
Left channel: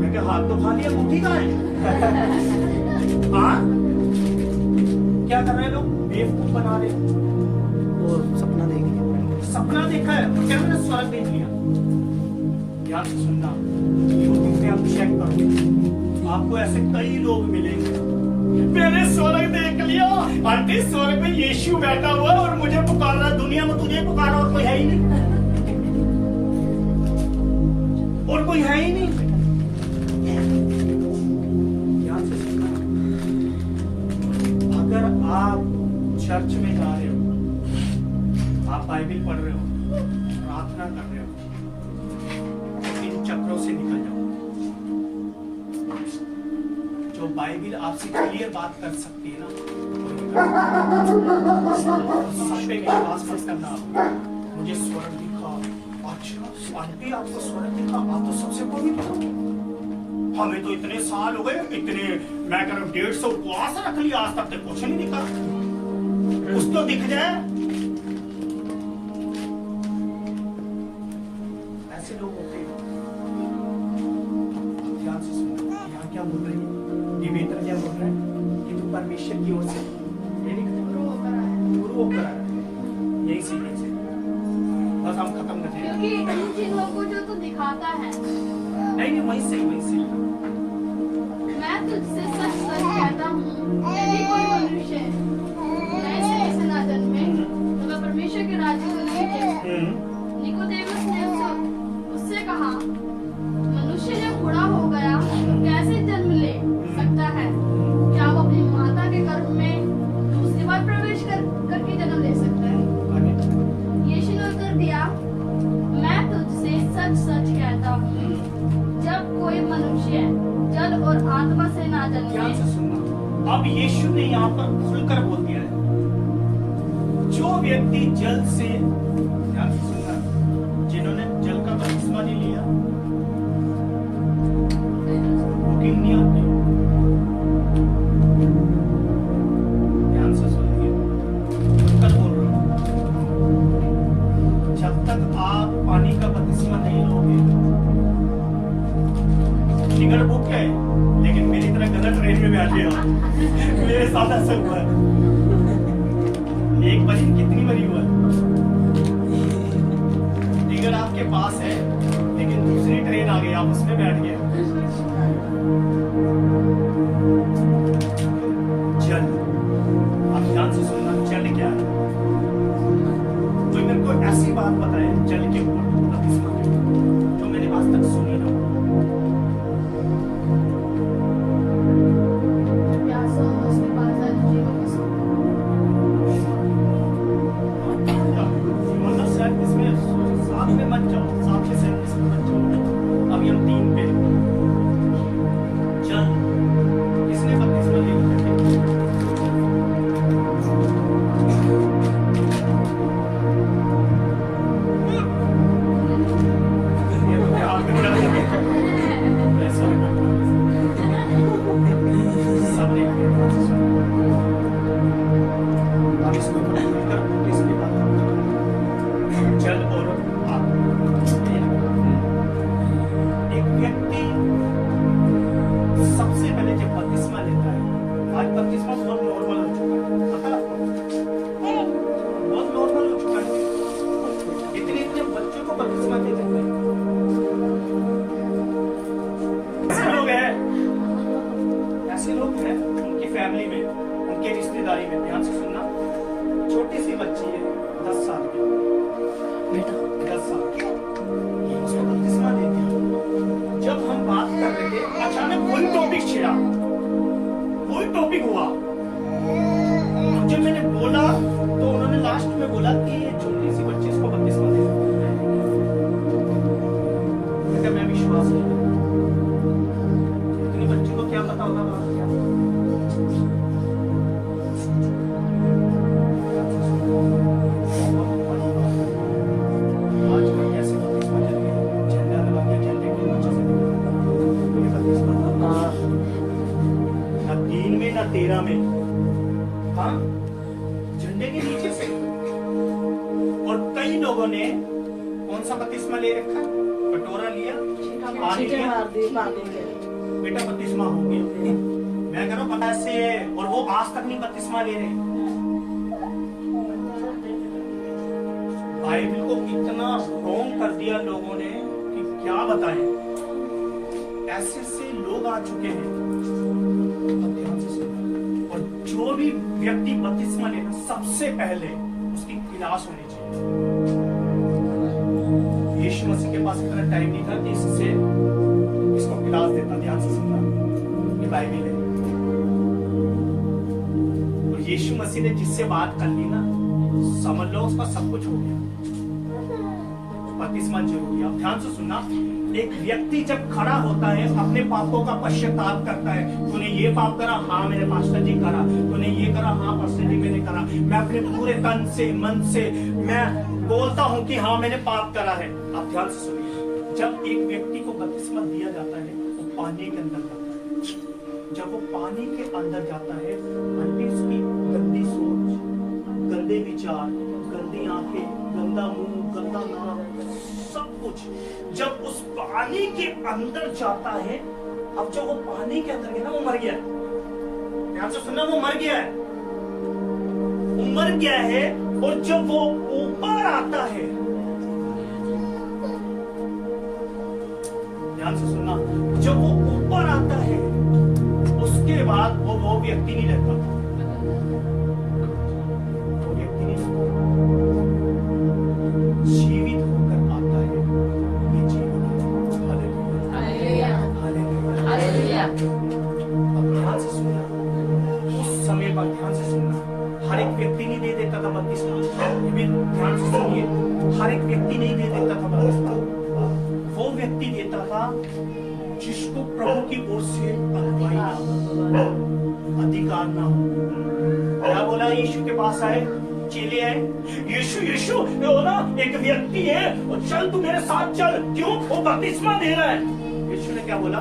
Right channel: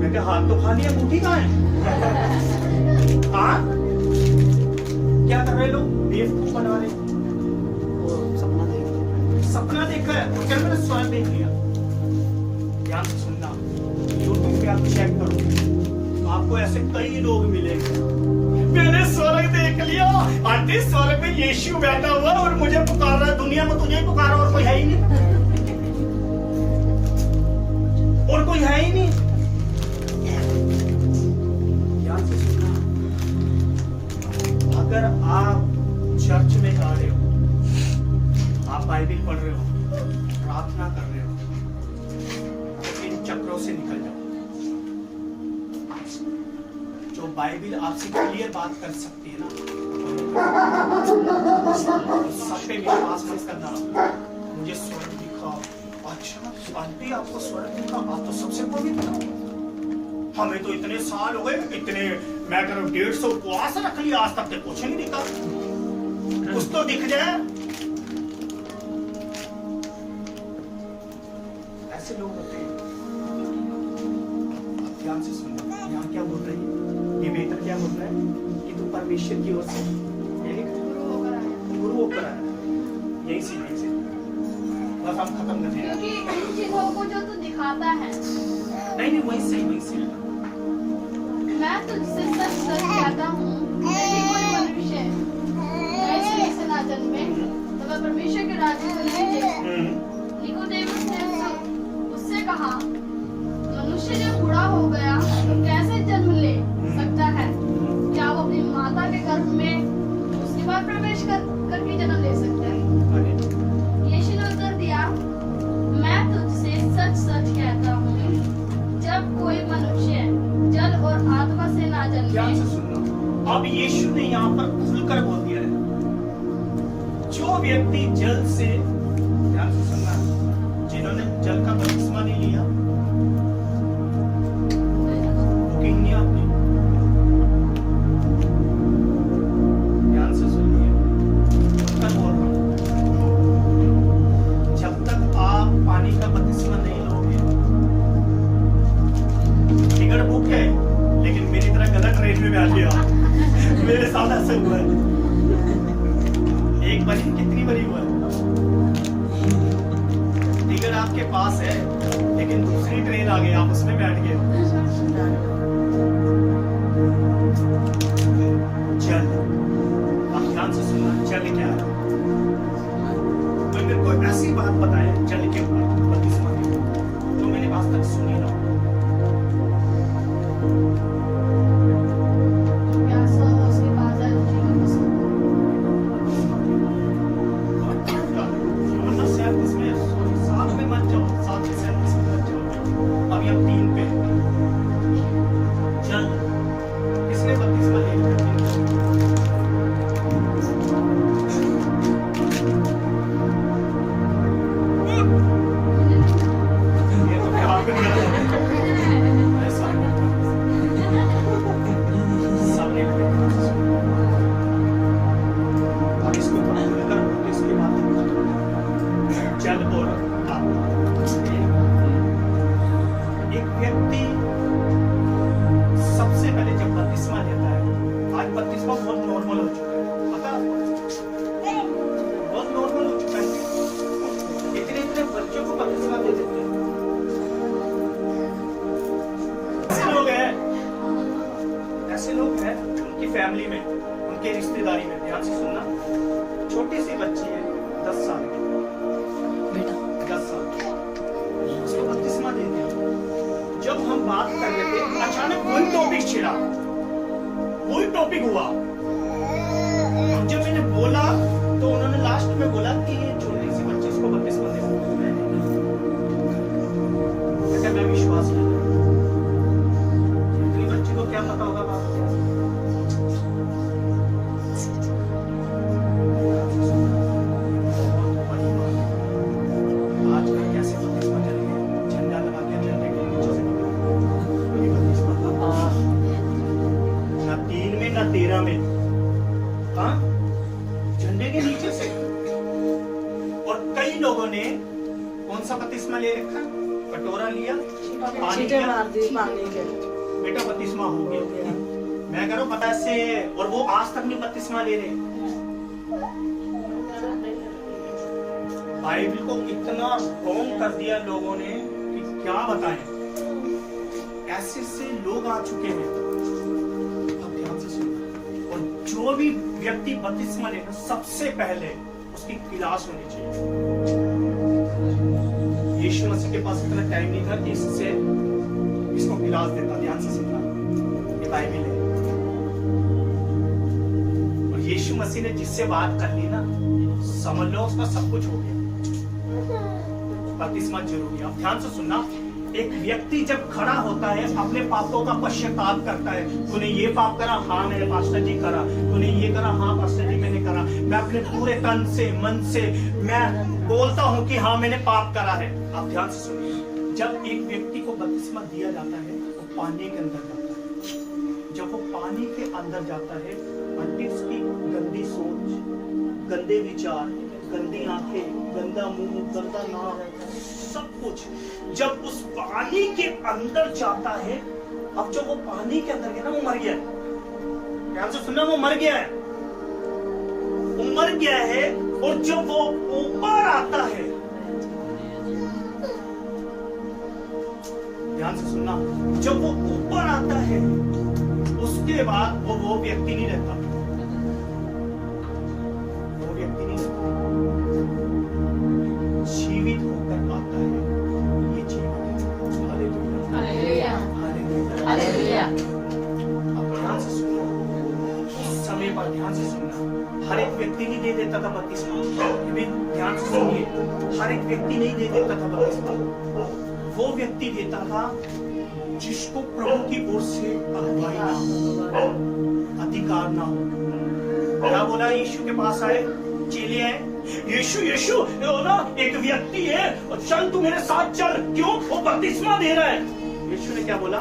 मैं कहा हाथ तो खाली, अंगूठी कहाँ है? हाँ क्या कर रहे लोग, बेवकूफ बना रहे, और सपना देख लिया, सपना देखा है, और क्या मैंने स्वर्ग देख लिया। ध्यान से सुनना, यूट्यूब पे आप चेक करो, आपको ऐसे कई लोग मिलेंगे, मैंने स्वर्ग देख लिया, आंटी स्वर्ग में यीशु बैठा हुआ और मुझे पुकार रहा है, दुनिया में तुझे पुकार रहा, और कोई है ही नहीं, और कोई है ही नहीं। ध्यान से सुनना, अगर आप चर्च में जा रहे हो, आप बाइबल पढ़ रहे हो, प्रार्थना कर रहे हो, इन चक्रों से निकल जाओ। जो बाइबल आपसे क्लियर बात कर सकती है ना, सब पे विश्वास मत करना, मुझे स्वर्ग दिखा, अच्छा आंटी आपको स्वर्ग दिखा, आप तो सबसे पवित्र हो, हमें तो इतने साल हो गए, इतने मैं कह रहा हूँ 150 उपवास रख लिया, आज तक तो कुछ नहीं दिखा। कुछ तो दिख जाए। ऐसे लोग होते हैं। अब ध्यान से सुनना, यहाँ क्या बोल रही है देवेंद्र, क्या बोल रहा है कि तू परमेश्वर की ओर से गुरु होकर आए। गुरु होकर आया। यही सीखने से बस हम खत्म कर दिया। क्योंकि इन चीजों को जो तू दिखाता है, नहीं वही सही मैं तुझसे सच सच कहता हूँ, यदि कोई मनुष्य नए सिरे से ना जन्मे तो वह परमेश्वर के राज्य में नहीं देगा। निकोदेमुस ने उससे कहा, मनुष्य जब बूढ़ा हो गया तो कैसे जन्म ले सकता है? क्या वो अपनी माता के गर्भ में उसके बाद प्रवेश करके जन्म ले सकता है? यीशु ने उत्तर दिया, मैं तुझसे सच सच कहता हूँ, जब कोई मनुष्य जल और आत्मा से ना ध्यान से जन्मे। सुनना, अब यीशु ने यहाँ पर खुलकर बोल दिया है, जो व्यक्ति जल से, ध्यान से सुनना, जिन्होंने जल का बपतिस्मा नहीं लिया बुकिंग नहीं आपकी, ध्यान से सुनिए, खुलकर बोल रहा हूँ, जब तक आप पानी का बपतिस्मा नहीं लोगे, टिकट बुक है लेकिन मेरी तरह गलत ट्रेन में बैठ गया। मेरे साथ ऐसा हुआ है, एक बारी कितनी बारी हुआ है, टिकट आपके पास है लेकिन दूसरी ट्रेन आ गई, आप उसमें बैठ गए। जल, आप ध्यान से सुनना, जल क्या है? कोई मेरे को ऐसी बात बताए जल के ऊपर, बपतिस्मा के ऊपर, जो मैंने आज तक सुनी ना। प्यासा हो उसके पास आ जाइए, वरना शायद इसमें साथ में मत जाओ, साथ के साथ इसमें मत जाओ। अभी हम 3 पे जल, इसने बपतिस्मा ले लिया, ये तो प्यार में गलत है। ऐसा सबने अब इसको खुलकर इसके बाद जल और एक व्यक्ति सबसे पहले जब बपतिस्मा लेता है, आज बपतिस्मा बहुत नॉर्मल हो चुका है, पता बहुत नॉर्मल हो चुका है, इतने बच्चों को बपतिस्मा दे देते हैं। ऐसे लोग हैं उनकी फैमिली में, उनके रिश्तेदारी में, ध्यान से सुनना, छोटी सी बच्ची है 10 साल की, 10 साल, उसको बपतिस्मा दे दिया। जब हम बात कर रहे थे अचानक वही टॉपिक छिड़ा, वही टॉपिक हुआ। जब मैंने बोला तो उन्होंने लास्ट में बोला कि ये छोटी सी बच्ची उसको बपतिस्मा दे दिया। मैं विश्वास नहीं, इतनी बच्ची को क्या पता होगा बात क्या। आजकल कैसे बपतिस्मा चल गए, झंडा लगा के झंडे के नीचे से ना 3 में ना 13 में, हाँ, झंडे के नीचे से। और कई लोगों ने कौन सा बपतिस्मा ले रखा, कटोरा लिया, पानी छींटे लिया, मार दी पानी में, बेटा बपतिस्मा हो गया। मैं कह रहा हूँ पता से, और वो आज तक नहीं बपतिस्मा ले रहे। बाइबल को इतना रॉन्ग कर दिया लोगों ने कि क्या बताएं। ऐसे से लोग आ चुके हैं, अब ध्यान से सुनना। और जो भी व्यक्ति बपतिस्मा लेना, सबसे पहले उसकी क्लास होनी चाहिए। यीशु मसीह के पास इतना टाइम नहीं था कि इसको क्लास देता। ध्यान से सुनना, ये बाइबल है। और यीशु मसीह ने जिससे बात कर ली ना, समझ लो उसका सब कुछ हो गया। बपतिस्मा जरूरी है। अब ध्यान से सुनना, एक व्यक्ति जब खड़ा होता है, अपने पापों का पश्चाताप करता है, तूने ये पाप करा, हाँ मेरे पास्टर जी करा, तूने ये करा, हाँ पास्टर जी मैंने करा, मैं अपने पूरे तन से मन से मैं बोलता हूँ कि हाँ मैंने पाप करा है। अब ध्यान से सुनिए, जब एक व्यक्ति को बपतिस्मा दिया जाता है, वो पानी के अंदर जाता है। जब वो पानी के अंदर जाता है, आंटी उसकी गंदी सोच, गंदे विचार, गंदी आंखें, गंदा मुंह, गंदा नाक, सब कुछ जब उस पानी के अंदर जाता है, अब जब वो पानी के अंदर गया ना, वो मर गया है। ध्यान से सुनना, वो मर गया है, वो मर गया है। और जब वो ऊपर आता है, ध्यान से सुनना, जब वो ऊपर आता है, उसके बाद वो व्यक्ति नहीं रहता, वो व्यक्ति नहीं रहता, जीवित होकर आता है। ये जीवित है। Hallelujah, hallelujah, hallelujah. अब ध्यान से सुनना, उस समय पर ध्यान से सुनना, हर एक व्यक्ति नहीं दे देता था बपतिस्मा। ये भी ध्यान से सुनिए, हर एक व्यक्ति नहीं दे देता था बपतिस्मा। वो व्यक्ति देता था जिसको प्रभु की ओर से अगुवाई ना हो, अधिकार ना हो। क्या बोला? यीशु के पास आए, चेले आए, यीशु यीशु वो ना एक व्यक्ति है, और चल तू मेरे साथ चल। क्यों? वो बपतिस्मा दे रहा है। यीशु ने क्या बोला?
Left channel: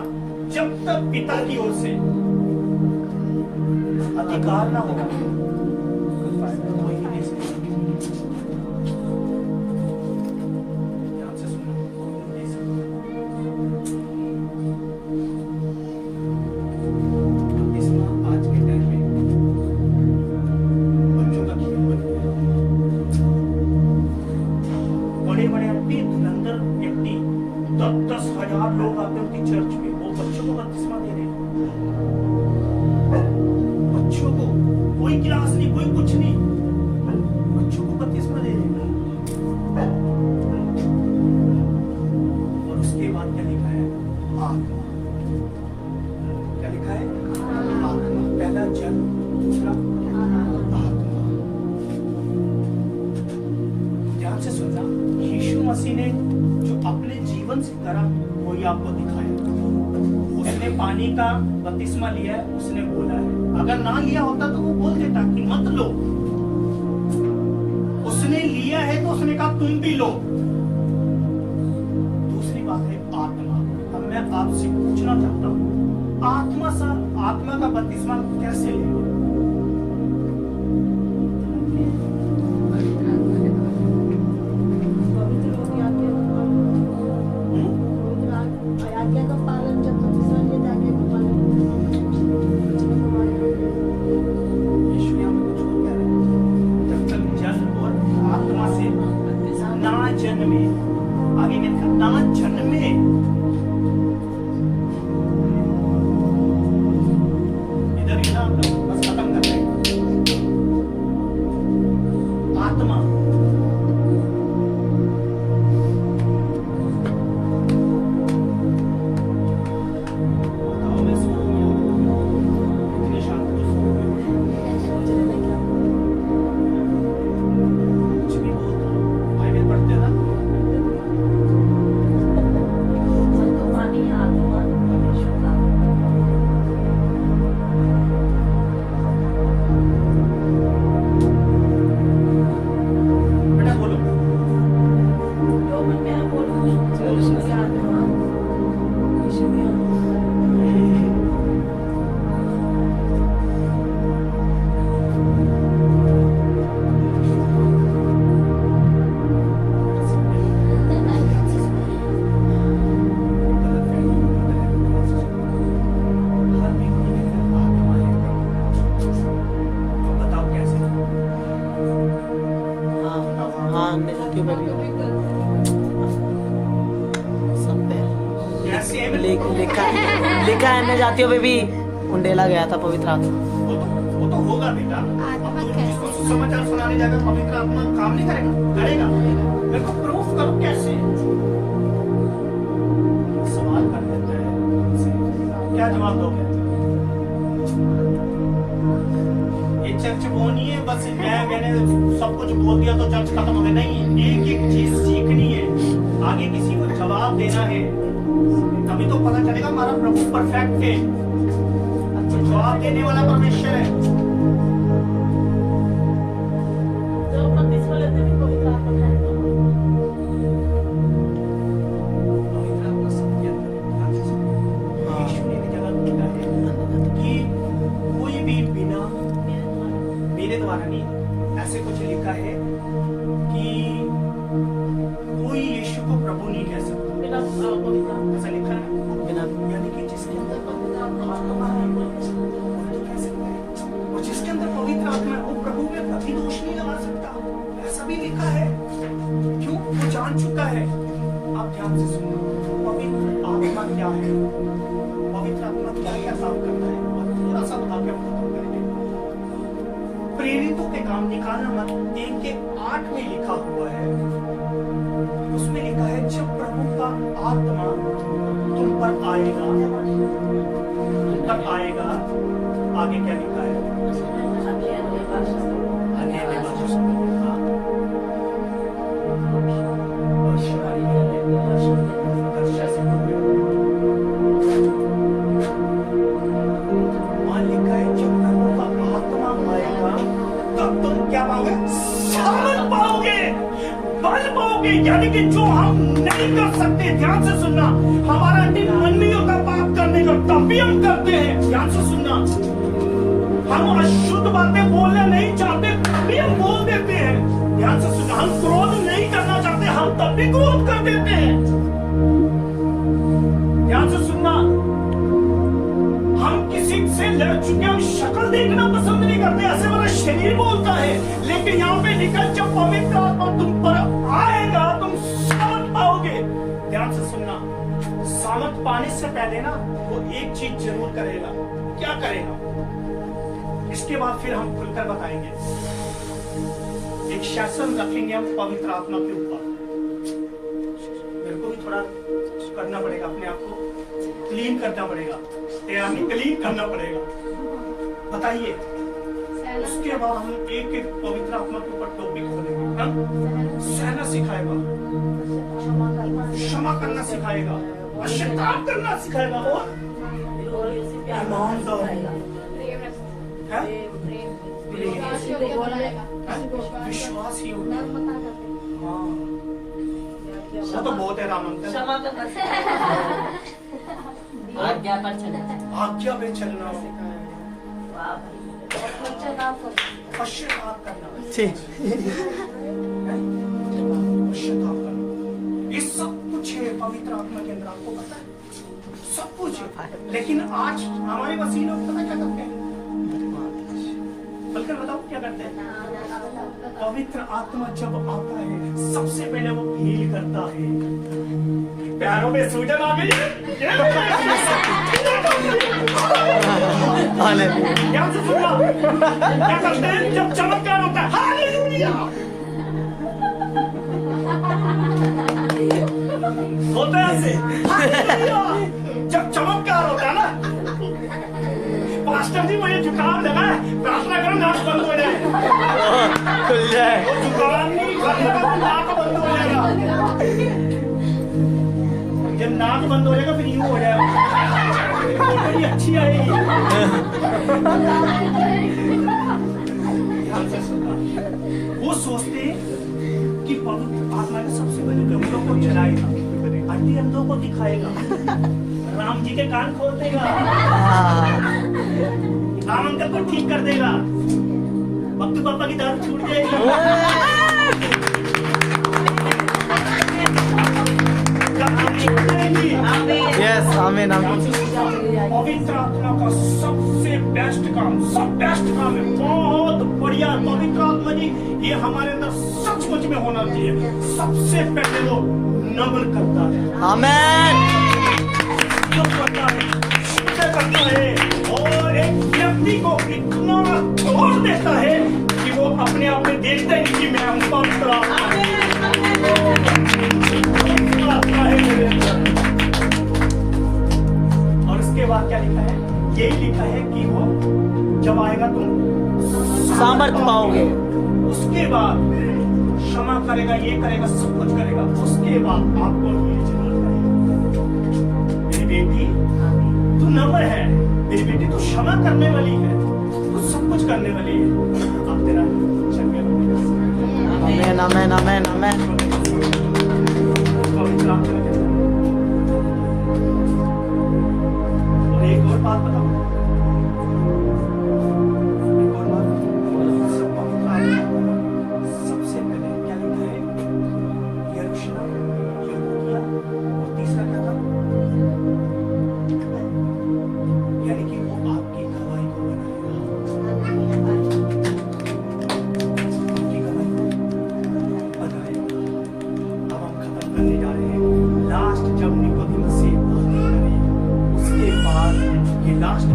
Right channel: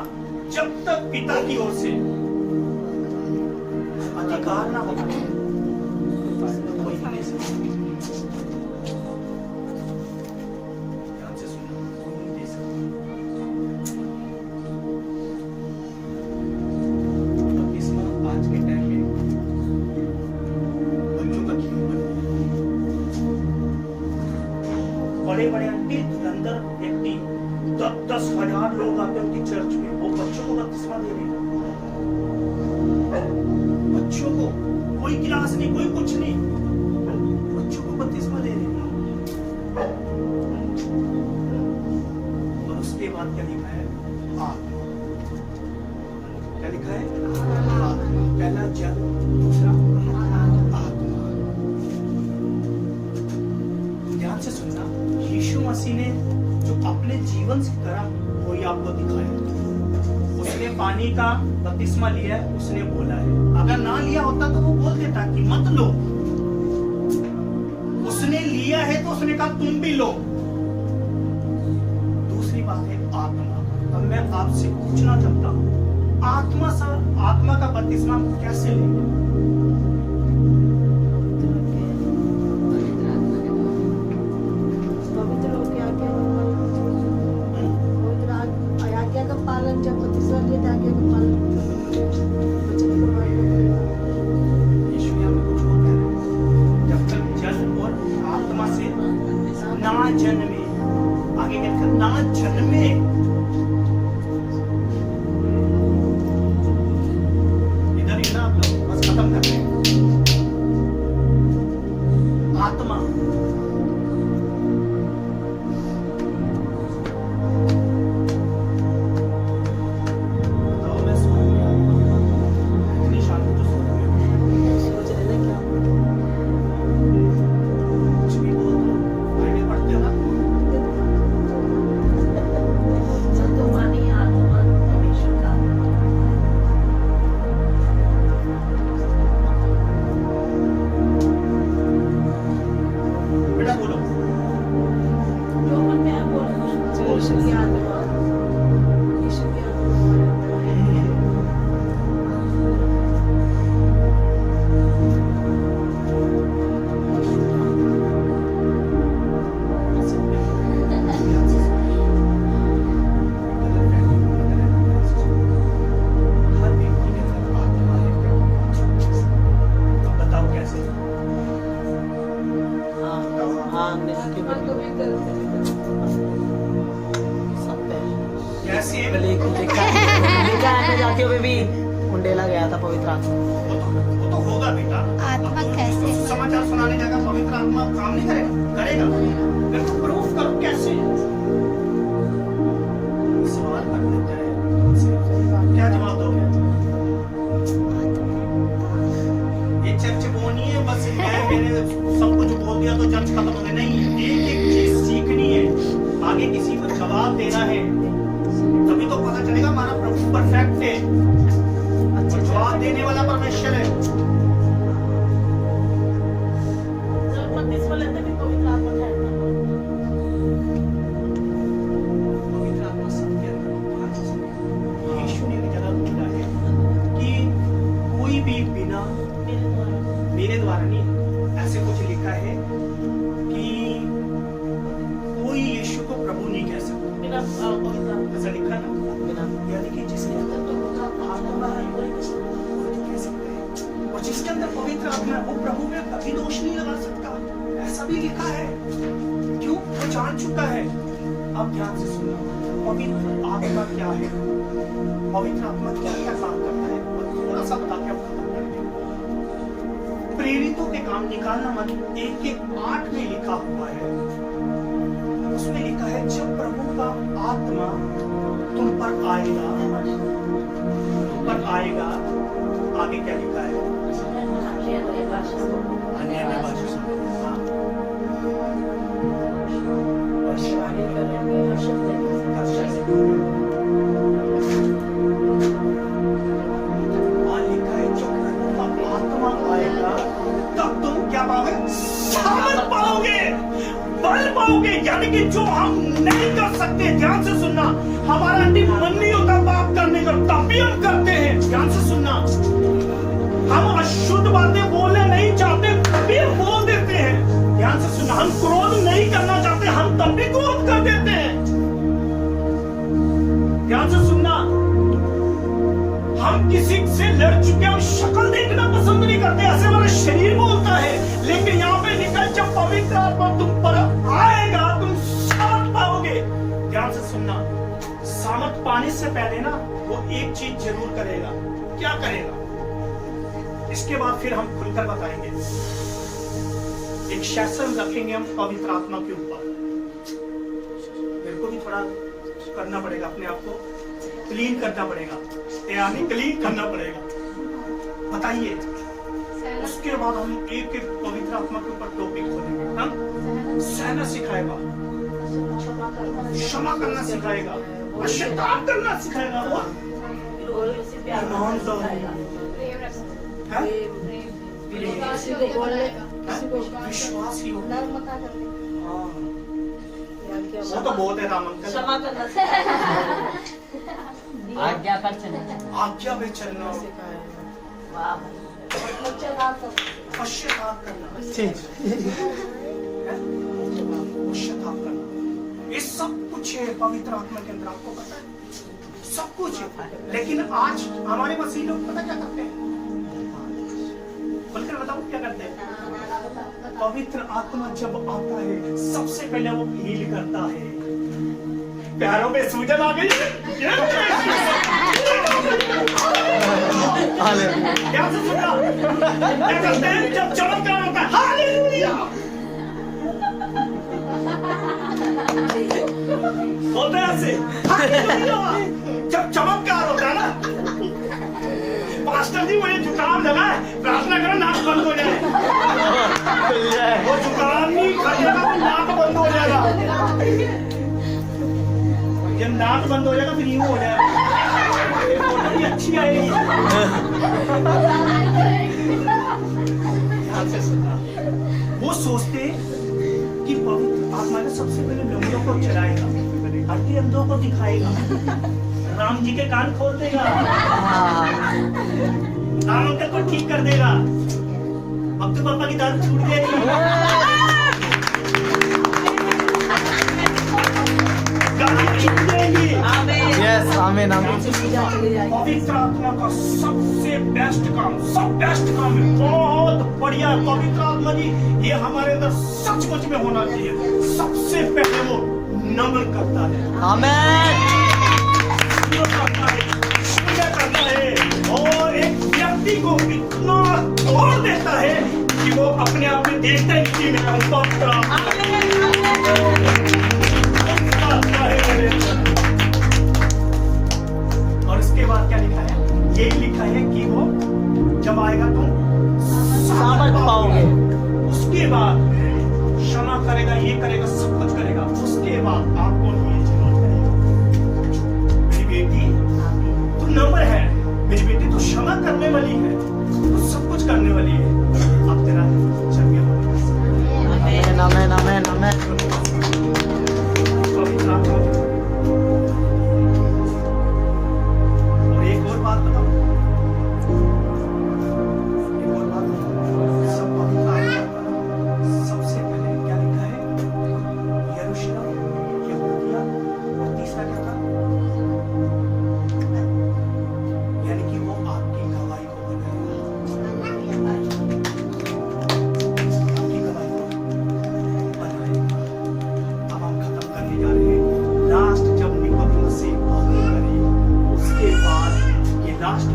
जब तक पिता की ओर से अधिकार ना हो, कोई नहीं दे सकता। ध्यान से सुनो, कोई नहीं दे सकता। बपतिस्मा आज के टाइम में बच्चों का खेल बन गया है। बड़े बड़े आंटी धुरंधर व्यक्ति 10-10 हजार लोग आते हैं उनकी चर्च में, वो बच्चों को बपतिस्मा दे रहे हैं। बच्चों को, कोई क्लास नहीं, कोई कुछ नहीं, बच्चों को बपतिस्मा दे रहे हैं। और उसके बाद क्या लिखा है? आत्मा। क्या लिखा है? आत्मा। पहला जल, दूसरा आत्मा। ध्यान से सुनना, यीशु मसीह ने जो अपने जीवन की तरह वही आपको दिखाया। उसने पानी का बपतिस्मा लिया है, उसने बोला है। अगर ना लिया होता तो वो बोल देता कि मत लो। उसने लिया है तो उसने कहा तुम भी लो। दूसरी बात है आत्मा। अब मैं आपसे पूछना चाहता हूं, आत्मा का बपतिस्मा कैसे लेंगे? पवित्र हो के आज्ञा का पालन, जब बपतिस्मा लेते आज्ञा का पालन। यीशु यहाँ पे कुछ और कह रहे हैं, जब तक जल और आत्मा से ना जन्मे, आगे क्या लिखा? ना जन्मे। इधर ही ना आप लोग, बस खत्म कर रहे हैं। आत्मा, बताओ, मैं स्वर्ग में आ गया, इतनी शांति तो स्वर्ग में कुछ भी बोल दो। बाइबल पढ़ते हो ना? जल तो पानी, आत्मा परमेश्वर का। बेटा बोलो। जो मन में है बोलो। यीशु की आत्मा, यीशु की आत्मा। बताओ कैसे? हाँ क्यों आत्मा को भी सकते हैं। कैसे है? लिखा है मैं जाती हूँ बेबी, उंडेला गया था पवित्र आत्मा। वो तो होगा बेटा। अब तो जिसको समाचार सुनाने जाएगा, पवित्र आत्मा काम नहीं करेगा? करेगा। मेरे को प्रूफ करो कैसे? सवाल कर देता है तुमसे, क्या जवाब दोगे? ये चर्च वो नहीं है बस मैंने सब कुछ बोल दिया तो चर्च खत्म हो गया। नहीं, एक एक चीज सीखनी है, आगे किसी को जवाब देना है, तभी तो पता चलेगा हमारा प्रभु परफेक्ट है, जवाब देने वाला परमेश्वर है। जब बपतिस्मा लेते भी पवित्र आत्मा ठहरता है। पवित्र आत्मा सबके अंदर है। ध्यान से सुनिए। दोबारा नहीं, ऐसे कुछ लिखा है कि कोई यीशु को प्रभु नहीं कह सकता, बिना पवित्र आत्मा ऐसा लिखा है ना। यानी कि जिसके अंदर आत्मा है वो तो कह सकता है, और जिसके अंदर पवित्र आत्मा है वो प्रभु में कभी दोष नहीं लगा सकता, ऐसा भी लिखा है। क्यों? वो जान चुका है। अब ध्यान से सुनो, पवित्र आत्मा क्या है, पवित्र आत्मा क्या क्या काम करता है, और थोड़ा सा बता के आप खत्म करेंगे। प्रेरितों के काम निकालना मत 1:8 में लिखा हुआ है, उसमें लिखा है जब प्रभु का आत्मा तुम पर आएगा, तुम पर आएगा, आगे क्या लिखा है, अन्य भाषा सुनोगे, वहां लिखा है जब प्रभु का आत्मा आएगा तब तुम क्या पाओगे, सामर्थ पाओगे, बल पाओगे। यानी कि जो हम नहीं कर सकते, ध्यान से सुनना, हमारा अंतिम मन नहीं होता पाप करने का, तब भी हम करते हैं। ध्यान से सुनना, हम अशुद्ध बातें बोलना नहीं चाहते तब भी हम बोल देते हैं। ध्यान से सुनना, हम क्रोध नहीं करना चाहते, हम तब भी क्रोध कर देते हैं। ध्यान से सुनना, हम किसी से लड़ चुके हैं, शक्ल देखना पसंद नहीं करते, ऐसे हमारा शरीर बोलता है। लेकिन यहाँ पे लिखा जब पवित्र आत्मा तुम पर आएगा तुम सामर्थ पाओगे। ध्यान से सुनना, सामर्थ पाने से पहले ना वो एक चीज जरूर करेगा। क्या करेगा? इसके बाद फिर हम खुलकर बताएंगे। एक शासन रखेंगे हम पवित्र आत्मा के ऊपर। मेरे को भी थोड़ा करना पड़ेगा, अपने आप को क्लीन करना पड़ेगा, यानी क्लीन करना पड़ेगा। बताइए, उसके बाद हम एक एक पवित्र आत्मा के ऊपर टॉपिक खोलेंगे। सहना सिखाएगा, क्षमा करना सिखाएगा, पश्चाताप करना सिखाएगा, और ईमानदारी, विश्वास ही होगा। वो तो बहुत है राम अंकल, क्षमा करना, आज्ञा पर चलना, आज्ञा पे चलना, पश्चाताप करना, पश्चाताप करना, ये सब कुछ है पवित्र आत्मा के अंदर। आपको पता है सब कुछ है। लेकिन आज हमारे मसीह लोग पता क्या करते हैं, बोलकर बताओ क्या करते हैं। पवित्र आत्मा जब आता है सबसे पहले वो हील करता है। पैरों में सूजन आ गई, क्या से सुनना, क्या करते हैं जब चमत्कार होता है, हालेलुया बोलते हैं ऐसे, हालेलुया। जब चमत्कार होता है ना, पास्टर जी मुझे जुकाम लगा है, प्रार्थना करो नाक बंद हो जाए, वो जुकाम नहीं लगा तो नाक बंद हो जाएगा, जब नाक बंद हो जाएगा फिर यूं हो जाएगा, फोटो भी अच्छी आएगी। ध्यान से सुनना, वो सोचते कि पवित्र आत्मा ने सबसे पहले लंगड़ों को चलाएगा, हड्डी अंधों को दिखाएगा, राम जी के कान खोल देगा, राम अंकल को ठीक कर देगा, भक्तू पापा की दाढ़ी छूट जाएगी, यस आमीन आमीन। पवित्र आत्मा का सबसे बेस्ट काम, सब बेस्ट काम है, बहुत बढ़िया। पवित्र आत्मा जी ये हमारे अंदर सचमुच में होना चाहिए। सबसे पहले वो नमन करता है, आमीन, करता है, और एक व्यक्ति को इतना तोड़ देता है कि वो अपने आप में देखता है कि मैं हूं पवित्र आत्मा है मेरे अंदर। और उसके बाद क्या लिखा है, यही लिखा है कि वो जब आएगा तुम सामर्थ पाओगे। उसके बाद क्षमा करेगा, ये करेगा, सब कुछ करेगा। उसके बाद आपको ये जरूरत है, मेरी बेटी तू नम्र है, मेरी बेटी तू क्षमा करने वाली है, तू सब कुछ करने वाली है। अब तेरा चंगे आमीन आमीन आमीन आमीन। पवित्र आत्मा के अंदर। और एक और बात बताओ, एक और बात, सब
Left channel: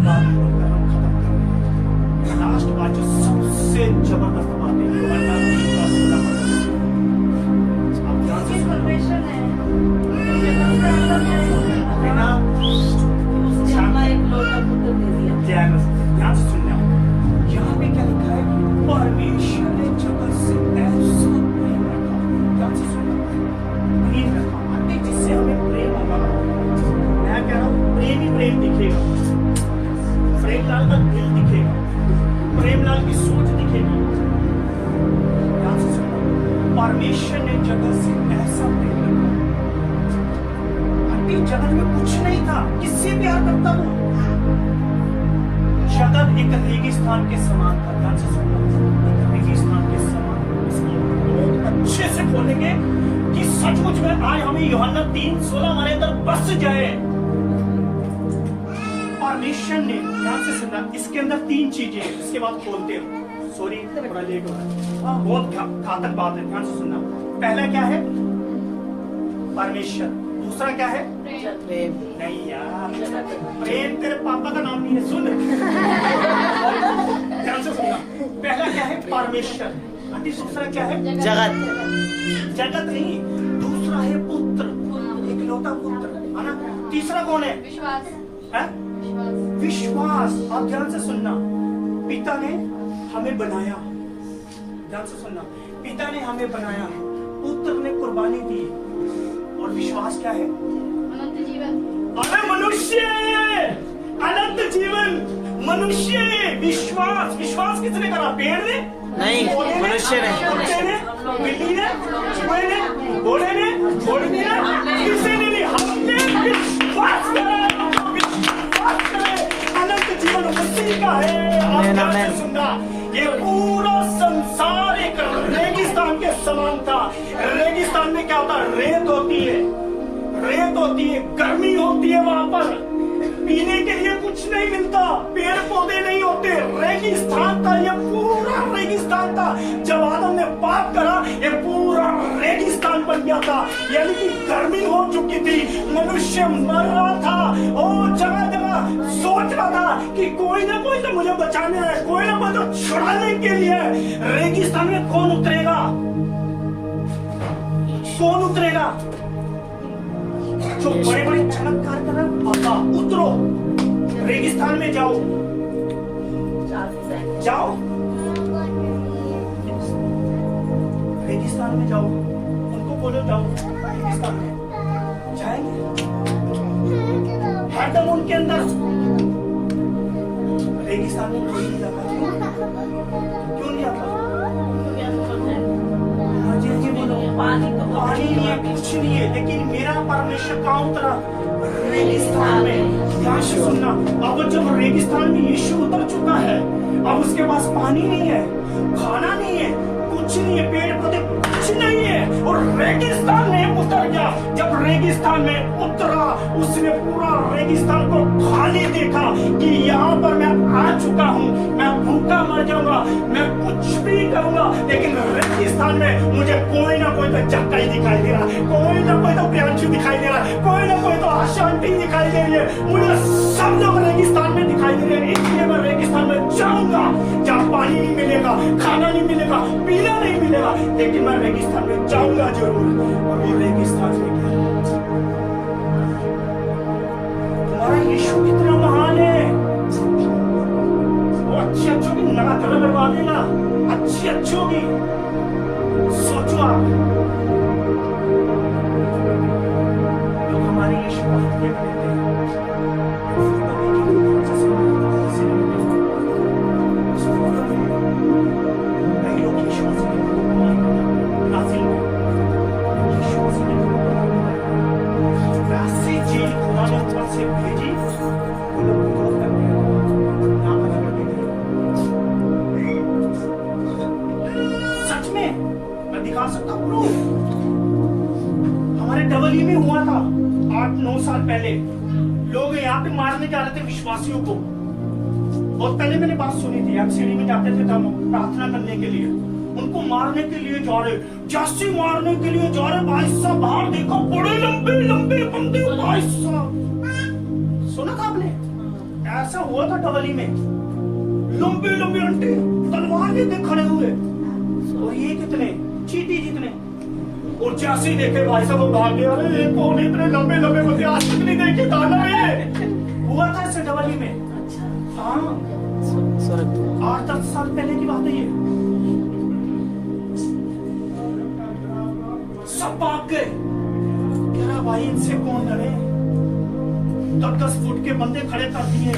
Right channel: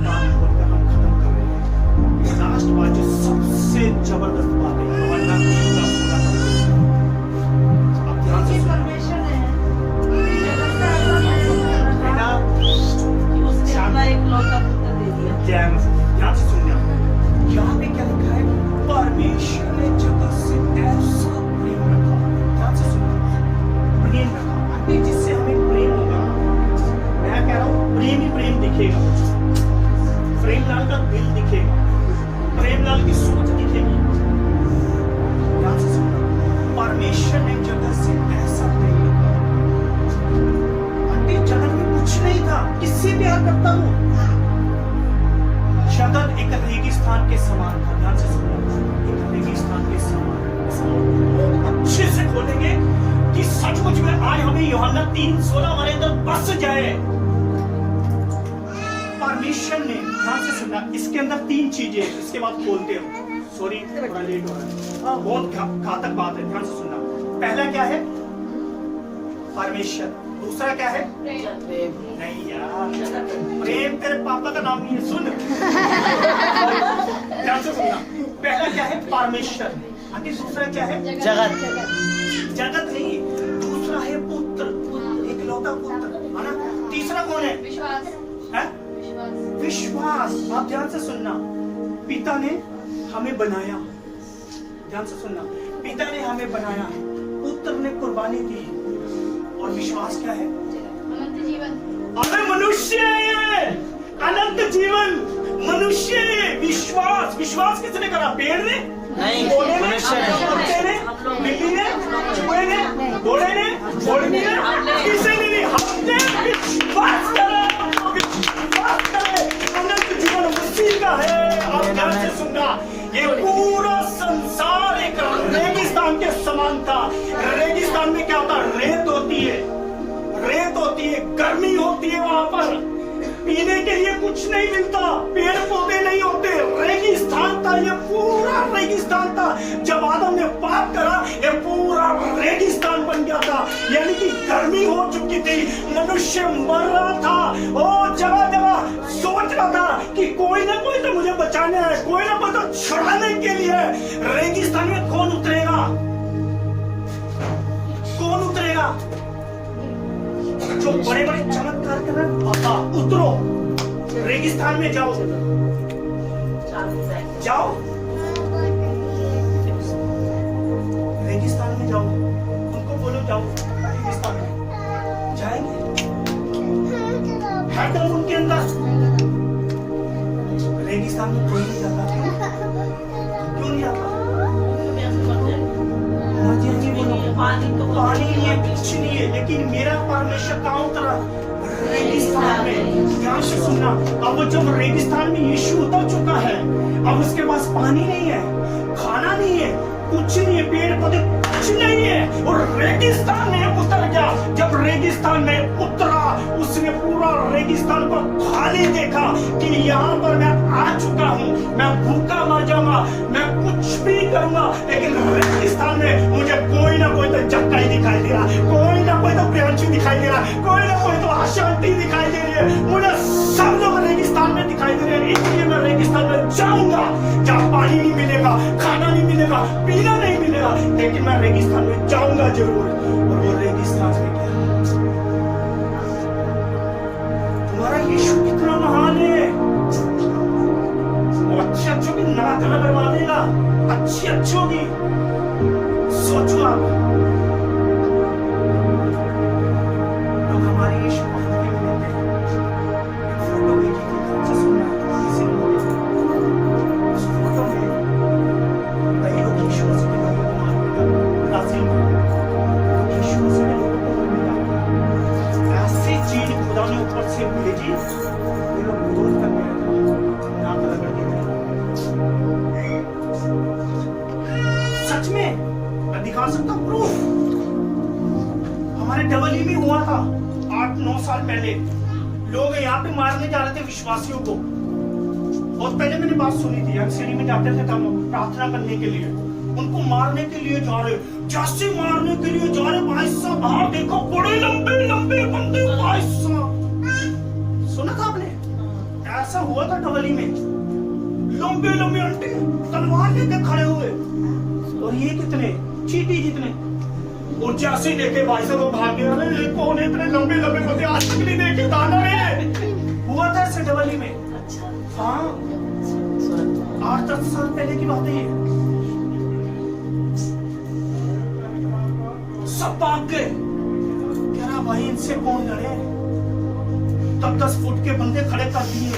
बात बोलकर हम खत्म कर रहे हैं। लास्ट बात जो सबसे जबरदस्त बात है, यूहन्ना 3:16 अब ध्यान से सुनना। परमेश्वर ने बेटा, उसने अपना एक लौता पुत्र दे दिया। ध्यान से सुनना। यहाँ पे क्या लिखा है? परमेश्वर ने जगत से ऐसा प्रेम रखा। ध्यान से सुनना, प्रेम रखा। अभी जिससे हमें प्रेम होगा ना, मैं कह रहा हूँ प्रेम ही प्रेम दिखेगा। प्रेमलाल का दिल दिखेगा, प्रेमलाल की सोच दिखेगी। ध्यान से सुनना, परमेश्वर ने जगत से ऐसा प्रेम रखा। आंटी जगत में कुछ नहीं था, किससे प्यार करता वो? जगत एक रेगिस्तान के समान था। ध्यान से सुनना, एक रेगिस्तान के समान। इसको बहुत अच्छे से खोलेंगे कि सचमुच में आज हमें यूहन्ना 3:16 हमारे अंदर बस जाए। परमेश्वर ने, ध्यान से सुनना, इसके अंदर 3 चीजें हैं, इसके बाद खोलते हो। सॉरी थोड़ा लेट हो रहा है, बहुत घातक बात है। ध्यान से सुनना, पहला क्या है? परमेश्वर। दूसरा क्या है? प्रेम। नहीं यार, प्रेम तेरे पापा का नाम नहीं है, सुन। ध्यान से सुनना, पहला क्या है? परमेश्वर। आंटी दूसरा क्या है? जगत। जगत नहीं, दूसरा है पुत्र, इकलौता पुत्र, है ना? तीसरा कौन है? विश्वास। है? विश्वास। विश्वास। आप ध्यान से सुनना, पिता ने हमें बनाया। ध्यान से सुनना, पिता ने हमें बनाया, पुत्र ने कुर्बानी दी, और विश्वास क्या है? अनंत जीवन। अरे मनुष्य, अनंत जीवन, मनुष्य। विश्वास, विश्वास किसने करा? पेड़ ने नहीं, पौधे ने, मनुष्य ने। कुत्ते ने, बिल्ली ने, चूहे ने, घोड़े ने, घोड़नी ने, किसी ने नहीं, हमने विश्वास करा। विश्वास करे, अनंत जीवन उसी का है। आप ध्यान से सुनना, ये पूरा संसार एक रेगिस्तान के समान था। रेगिस्तान में क्या होता है? रेत होती है, रेत होती है, गर्मी होती है, वहां पर पीने के लिए कुछ नहीं मिलता, पेड़ पौधे नहीं होते, रेगिस्तान था। ये पूरा रेगिस्तान था। जब आदम ने पाप करा, ये पूरा रेगिस्तान बन गया था, यानी कि गर्मी हो चुकी थी, मनुष्य मर रहा था। ओ जगह जगह सोच रहा था कि कोई ना कोई तो मुझे बचाने है, कोई ना कोई तो छुड़ाने के लिए। रेगिस्तान में कौन उतरेगा? कौन उतरेगा? जो बड़े बड़े चमत्कार कर रहे हैं, पापा उतरो, रेगिस्तान में जाओ, जाओ, रेगिस्तान में जाओ, उनको बोलो जाओ रेगिस्तान में। जाएंगे? है दम उनके अंदर। रेगिस्तान में कोई नहीं जाता। क्यों नहीं जाता? जी बोलो। पानी नहीं है, कुछ नहीं है, लेकिन मेरा परमेश्वर कहाँ उतरा? रेगिस्तान में। ध्यान से सुनना, अब जब रेगिस्तान में यीशु उतर चुका है, अब उसके पास पानी नहीं है, खाना नहीं है, कुछ नहीं है, पेड़ पौधे कुछ नहीं है, और रेगिस्तान में उतर गया। जब रेगिस्तान में उतरा, उसने पूरा रेगिस्तान को खाली देखा कि यहाँ पर मैं आ चुका हूँ, मैं भूखा मर जाऊंगा, मैं कुछ भी करूंगा, लेकिन रेगिस्तान में मुझे कोई ना कोई तो चक्का ही दिखाई दे रहा, कोई ना कोई तो प्रियांशु दिखाई दे रहा, कोई ना कोई तो अशांति दिखाई दे रही है, मुझे सब लोग रेगिस्तान में दिखाई दे रहे हैं। इसलिए मैं रेगिस्तान में जाऊंगा, जहाँ पानी नहीं मिलेगा, खाना नहीं मिलेगा, पीना नहीं मिलेगा, लेकिन मैं रेगिस्तान में जाऊंगा जरूर। और वो रेगिस्तान में क्या? तुम्हारा यीशु कितना महान है। वो अच्छे अच्छों की नड़ाकड़ करवा देगा, अच्छी अच्छों की। सोचो आप, लोग हमारे यीशु को हाथ में लेते हैं, एक फोटो भेजी थी, अच्छा सुनना, किसी ने मुझे उस फोटो में कई लोग यीशु मसीह के लोगों को मारने लगे, ब्राजील में लोग यीशु मसीह के लोगों को मारने लगे। ऐसी चीज खुदा ने ऊपर से भेजी, वो लोग विरोध कर रहे थे, नाक रगड़ के गए। सच में मैं दिखा सकता हूँ प्रूफ। हमारे डबली में हुआ था 8-9 साल पहले, लोग यहाँ पे मारने जा रहे थे विश्वासियों को। बहुत पहले मैंने बात सुनी थी, एमसीडी में जाते थे हम प्रार्थना करने के लिए, उनको मारने के लिए जा रहे, जैसे मारने के लिए जा रहे, भाई साहब बाहर देखो, बड़े लंबे लंबे बंदे, भाई साहब सुना था आपने? ऐसा हुआ था डबली में, लंबे लंबे अंटे तलवार लेके खड़े हुए, और ये कितने चीटी जितने, और जैसे ही देखे भाई साहब वो भाग गया, अरे कौन इतने लंबे लंबे बंदे आज तक नहीं देखे, दाना है। हुआ था ऐसे डबली में। अच्छा हाँ 8-10 साल पहले की बात है ये। सब भाग गए, कह रहा भाई इनसे कौन लड़े, 10-10 फुट के बंदे खड़े कर दिए।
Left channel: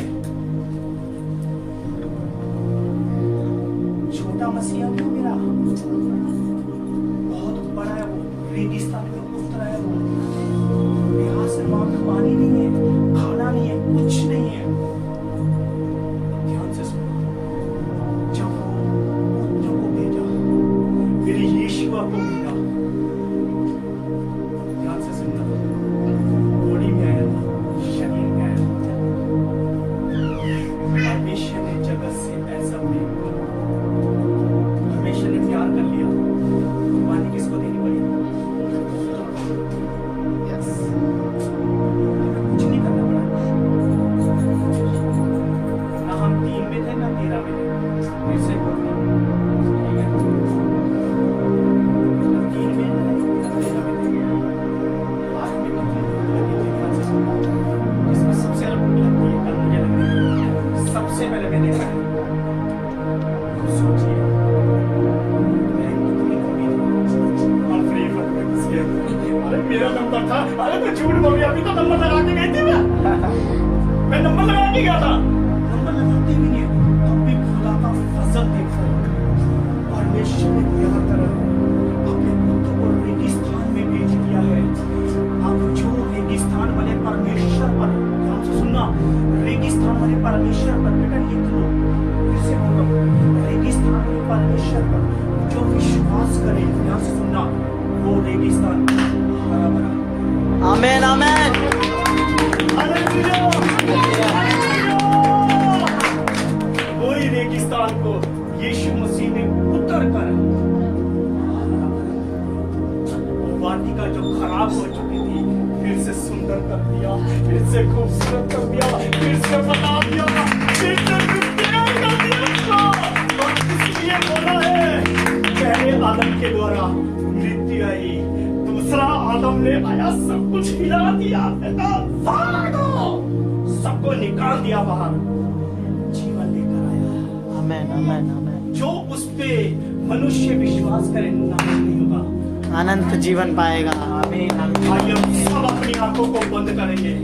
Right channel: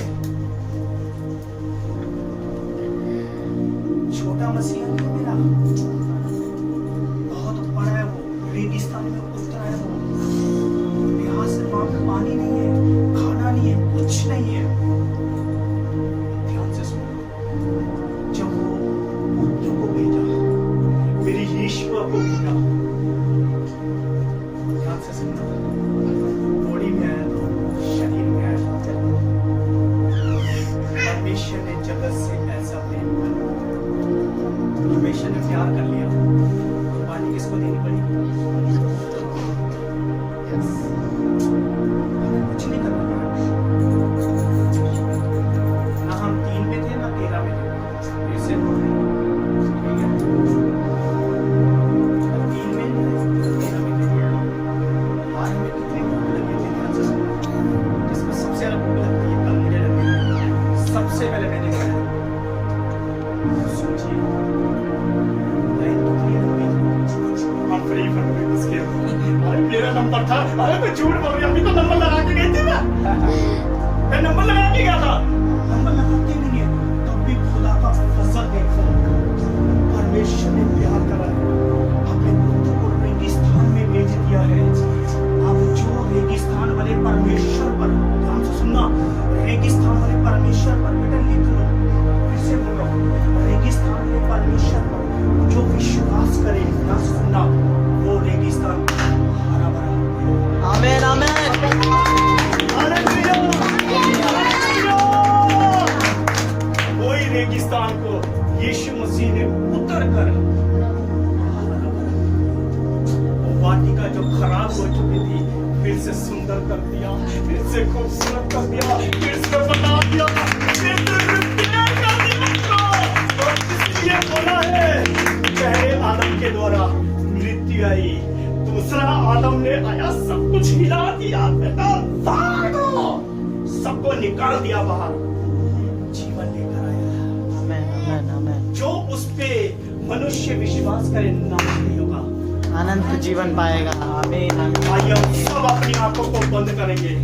छोटा मसीहा नहीं मेरा, बहुत बड़ा है वो, रेगिस्तान में उतरा है वो, यहाँ से वहां पे पानी नहीं है, खाना नहीं है, कुछ नहीं है। ध्यान से सुनो, जब वो पुत्र को भेजा, मेरे यीशुआ को भेजा, ध्यान से सुनना, बॉडी में आया था, शरीर में आया था। परमेश्वर ने जगत से ऐसा प्रेम किया, परमेश्वर ने प्यार कर लिया, कुर्बानी किसको देनी पड़ी? हमें कुछ नहीं करना पड़ा, ना हम 3 में थे ना 13 में थे, फिर से बोल रहे हैं, ठीक है? ना 3 में थे ना 13 में थे। आज हमें कितनी भूख लगी थी, ध्यान से सुनना, जिसमें सबसे ज्यादा भूख लगती है, कल मुझे लगती है, सबसे पहले मैंने खाया। सोचिए अरे मेरा नंबर था, अरे तो झूठ बोल रही, अभी तो नंबर लगा के गई थी मैं नंबर लगा के गया था, नंबर लगाते भी नहीं है, तब भी खुदा का फजल देखो, परमेश्वर ने प्यार करा है, अपने पुत्र को रेगिस्तान में भेज दिया है। अब जो रेगिस्तान वाले परमेश्वर पर, ध्यान से सुनना, रेगिस्तान वाले परमेश्वर पर, बेटा लिख लो, फिर से बोल रहा हूँ, रेगिस्तान वाले परमेश्वर पर जो विश्वास करे, ध्यान से सुनना, वो रेगिस्तान हरा भरा। Amen amen. Hallelujah, hallelujah. वही रेगिस्तान को यीशु मसीह ने उतर कर वो वाटिका जो खराब हो चुकी थी फिर से सुंदर कर दिया, फिर से खूबसूरत कर दिया, फिर से बता दिया, फिर से प्यार कर दिया उसको। और इसलिए बोला है, पहले आदम के द्वारा मृत्यु आई, दूसरा आदम ने आया, सब कुछ हिला दिया, बेटा भागो, सबको निकाल दिया बाहर, जीवन लेकर आया। आमेन आमेन आमेन। जो उस पे मनुष्य विश्वास करे नाश नहीं होगा, अनंत जीवन पाएगा। आमीन आमीन। आइए हम सब अपनी आंखों को बंद करेंगे।